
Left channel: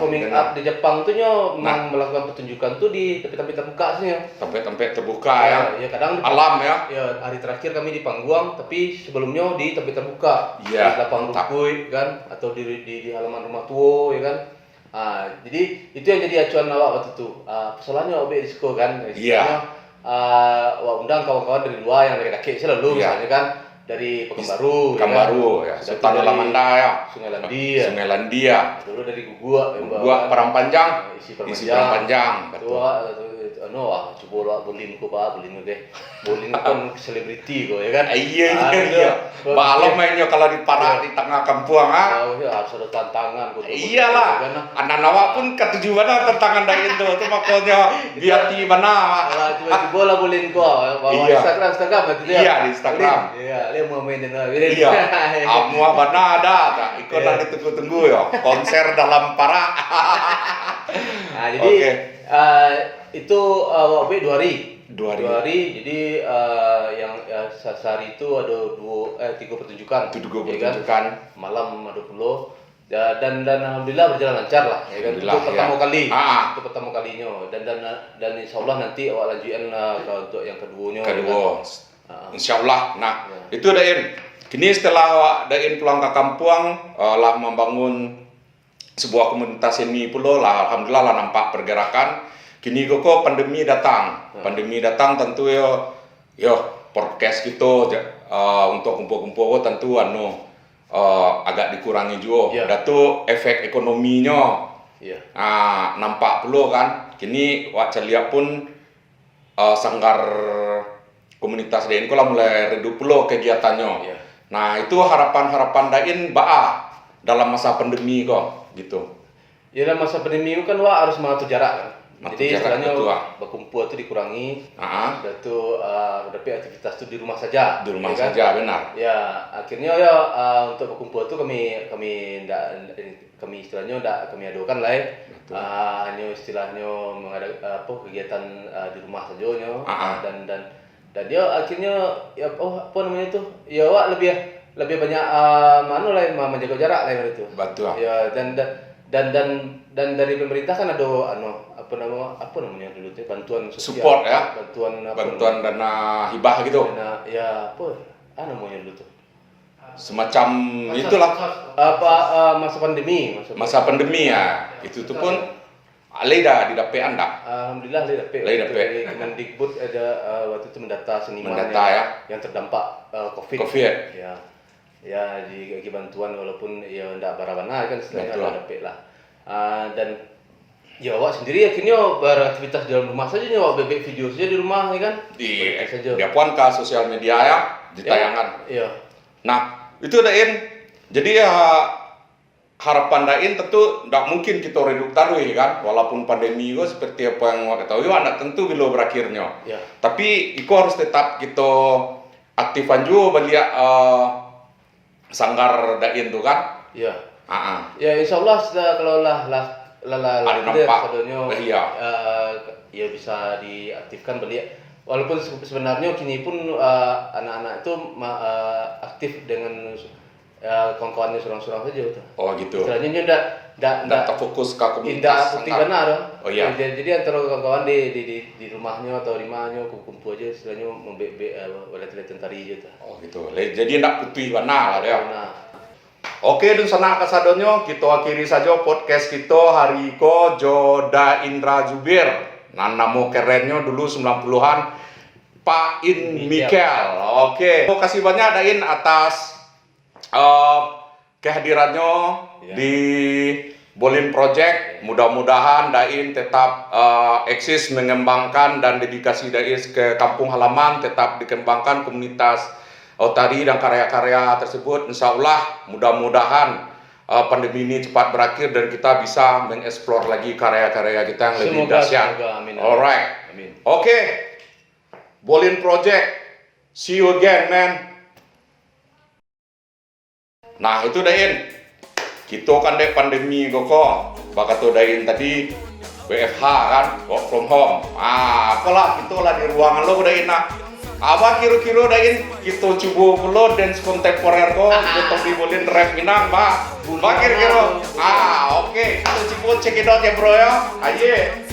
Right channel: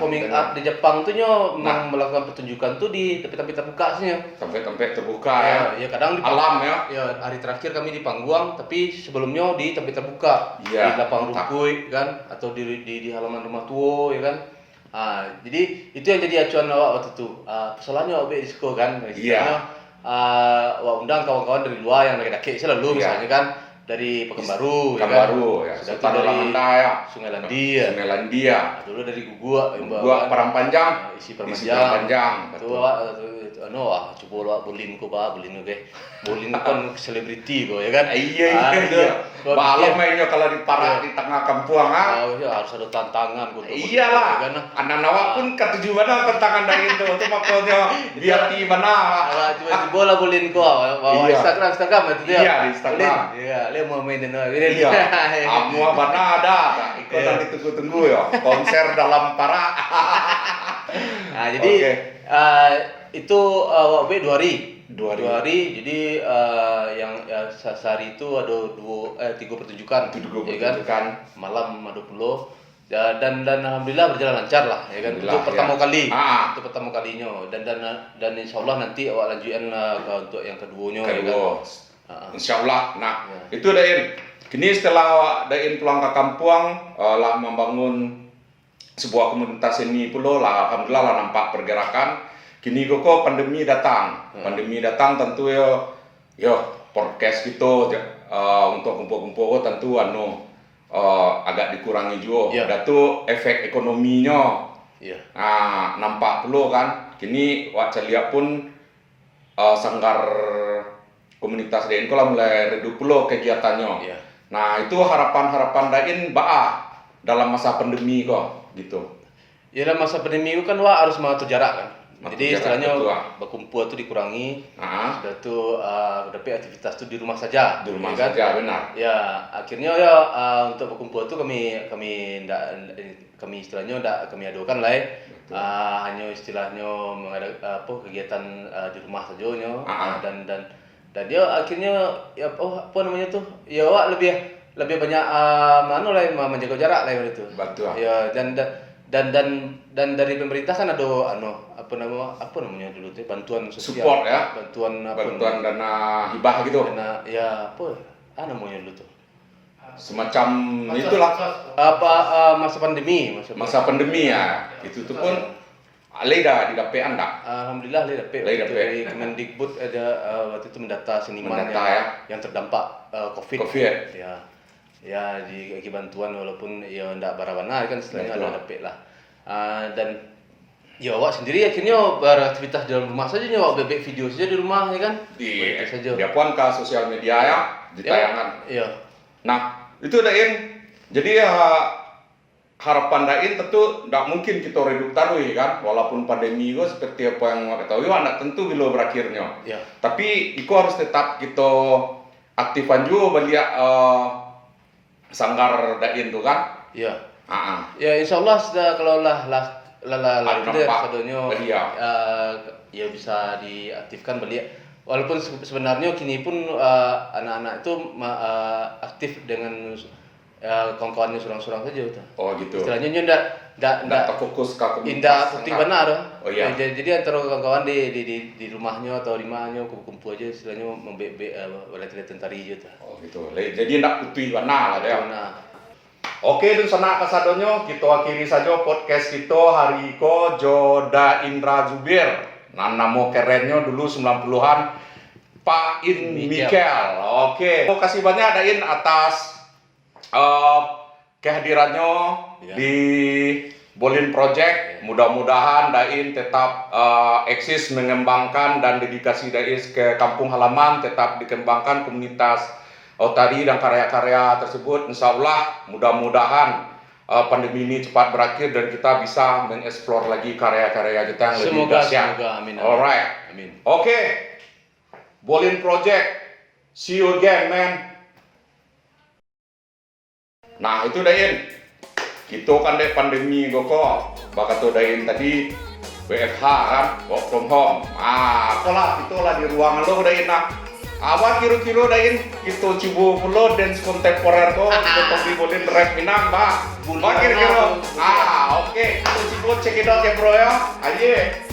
coming up di Jepang tuh memang melakukan pertunjukan tuh di tempat-tempat terbuka sih. Tempat terbuka ya. Kadang di alam ya. Ya hari terakhir kami di Pangguang, tapi sebelumnya di tempat terbuka. Di lapang rumput kan, atau di halaman rumah tua ya kan. Jadi itu yang jadi acuan awak waktu itu. Soalnya awak disco kan. Awak undang kawan-kawan dari luar yang dari kaki selalu misalnya kan. Dari Pekanbaru ya. Sultan Alamanda ya. Sungai Landia. Dulu dari Gugua Parang Panjang. Isi Parang Panjang. Betul. coba lah bolin ko kan selebriti ko ya kan. Iya. Balong mainnya kalau di para di tengah kampung harus ada tantangan ko. Iyalah. Anak nawa pun ketujuan tantangan dari itu makanya biar di mana. Coba lah bolin ko bawa Instagram itu dia. Iya di Instagram. Iya, le mau main dengan. Iya. Semua mana ada. Ikut lagi tunggu-tunggu ya. Konser dalam para. Nah, jadi itu waktu 2 hari. Jadi yang sehari itu ada 3 pertunjukan. Ya kan? Malam ada 10. Dan alhamdulillah berjalan lancar lah ya kan. Itu pertama kali. Itu pertama kalinya dan insyaallah nanti awak lanjutkan untuk yang keduanya ya kan. Insyaallah. Nah, itu Dain. Kini setelah Dain pulang ke kampung lah membangun sebuah komunitas ini pula lah alhamdulillah lah nampak pergerakan. Kini kok pandemi datang. Pandemi datang tentu yo podcast gitu untuk kumpul-kumpul tentu agak dikurangi juga. Datu efek ekonominya. Nampak perlu kan. Kini wak lihat pun sanggar komunitas Dain lah mulai redup perlu kegiatannya. Nah, itu harapan-harapan Dain dalam masa pandemi kok gitu. Ya dalam masa pandemi itu kan wak harus mengatur jarak kan. Jadi istilahnya berkumpul itu dikurangi. Itu tapi aktivitas itu di rumah saja. Di rumah saja, benar. Ya, akhirnya untuk berkumpul itu kami istilahnya kami adakan lah. Hanya istilahnya mengadakan kegiatan di rumah saja dan dia akhirnya apa namanya itu? Ya wak lebih banyak menjaga jarak lah itu. Betul. Ya dan dari pemerintah kan ada apa namanya dulu tuh bantuan sosial, support ya, bantuan dana hibah gitu, ya namanya dulu tuh semacam itulah masa pandemi ya itu tuh pun dah didapat anda. Alhamdulillah dapat. Dari Kemendikbud ada waktu itu mendata seniman yang terdampak COVID. Ya di bantuan walaupun ya ndak barawana kan istilahnya dapat lah. Dan ya awak sendiri akhirnya beraktivitas dalam rumah saja awak bebek video saja di rumah ya kan. Dia pun ke sosial media ya ditayangan. Iya. Nah, itu Dain. Jadi harapan Dain tentu tidak mungkin kita redup taruh kan, walaupun pandemi itu seperti apa yang kita tahu, tidak tentu bila berakhirnya. Tapi itu harus tetap kita aktifan juga beliau sanggar Dain tu kan. Ya insyaallah kalau ya bisa diaktifkan beliau. Walaupun sebenarnya kini pun anak-anak itu aktif dengan kawan-kawannya surang-surang saja gitu. Oh gitu. Istilahnya enggak terfokus ke komunitas. Indah putih benar dong. Oh iya. Jadi antara kawan-kawan di rumahnya atau di mananya kumpul aja istilahnya lihat tari aja. Oh gitu. Jadi enggak putih benar lah ya. Oke, dan sana kasadonyo kita akhiri saja podcast kita hari ko Joda Indra Zubir. Nah, nama kerennya dulu 90-an Pak In Mikel. Oke. Terima kasih banyak Dain atas kehadirannya di Bolin Project. Mudah-mudahan Dain tetap eksis mengembangkan dan dedikasi Dain ke kampung halaman tetap dikembangkan komunitas Otari dan karya-karya tersebut. Insyaallah mudah-mudahan pandemi ini cepat berakhir dan kita bisa mengeksplor lagi karya-karya kita yang lebih dahsyat. Alright. Amin. Oke. Bolin Project. See you again, man. Nah, itu Dain. Kita kan deh pandemi kok. Bakato Dain tadi WFH kan, work from home. Apalah itulah di ruangan lo Dain Apa kilo-kilo Dain kita coba pula dance kontemporer kok kita dibolin rap Minang, Pak. Kira-kira. Oke, kita coba check it out ya, bro ya. Ayo.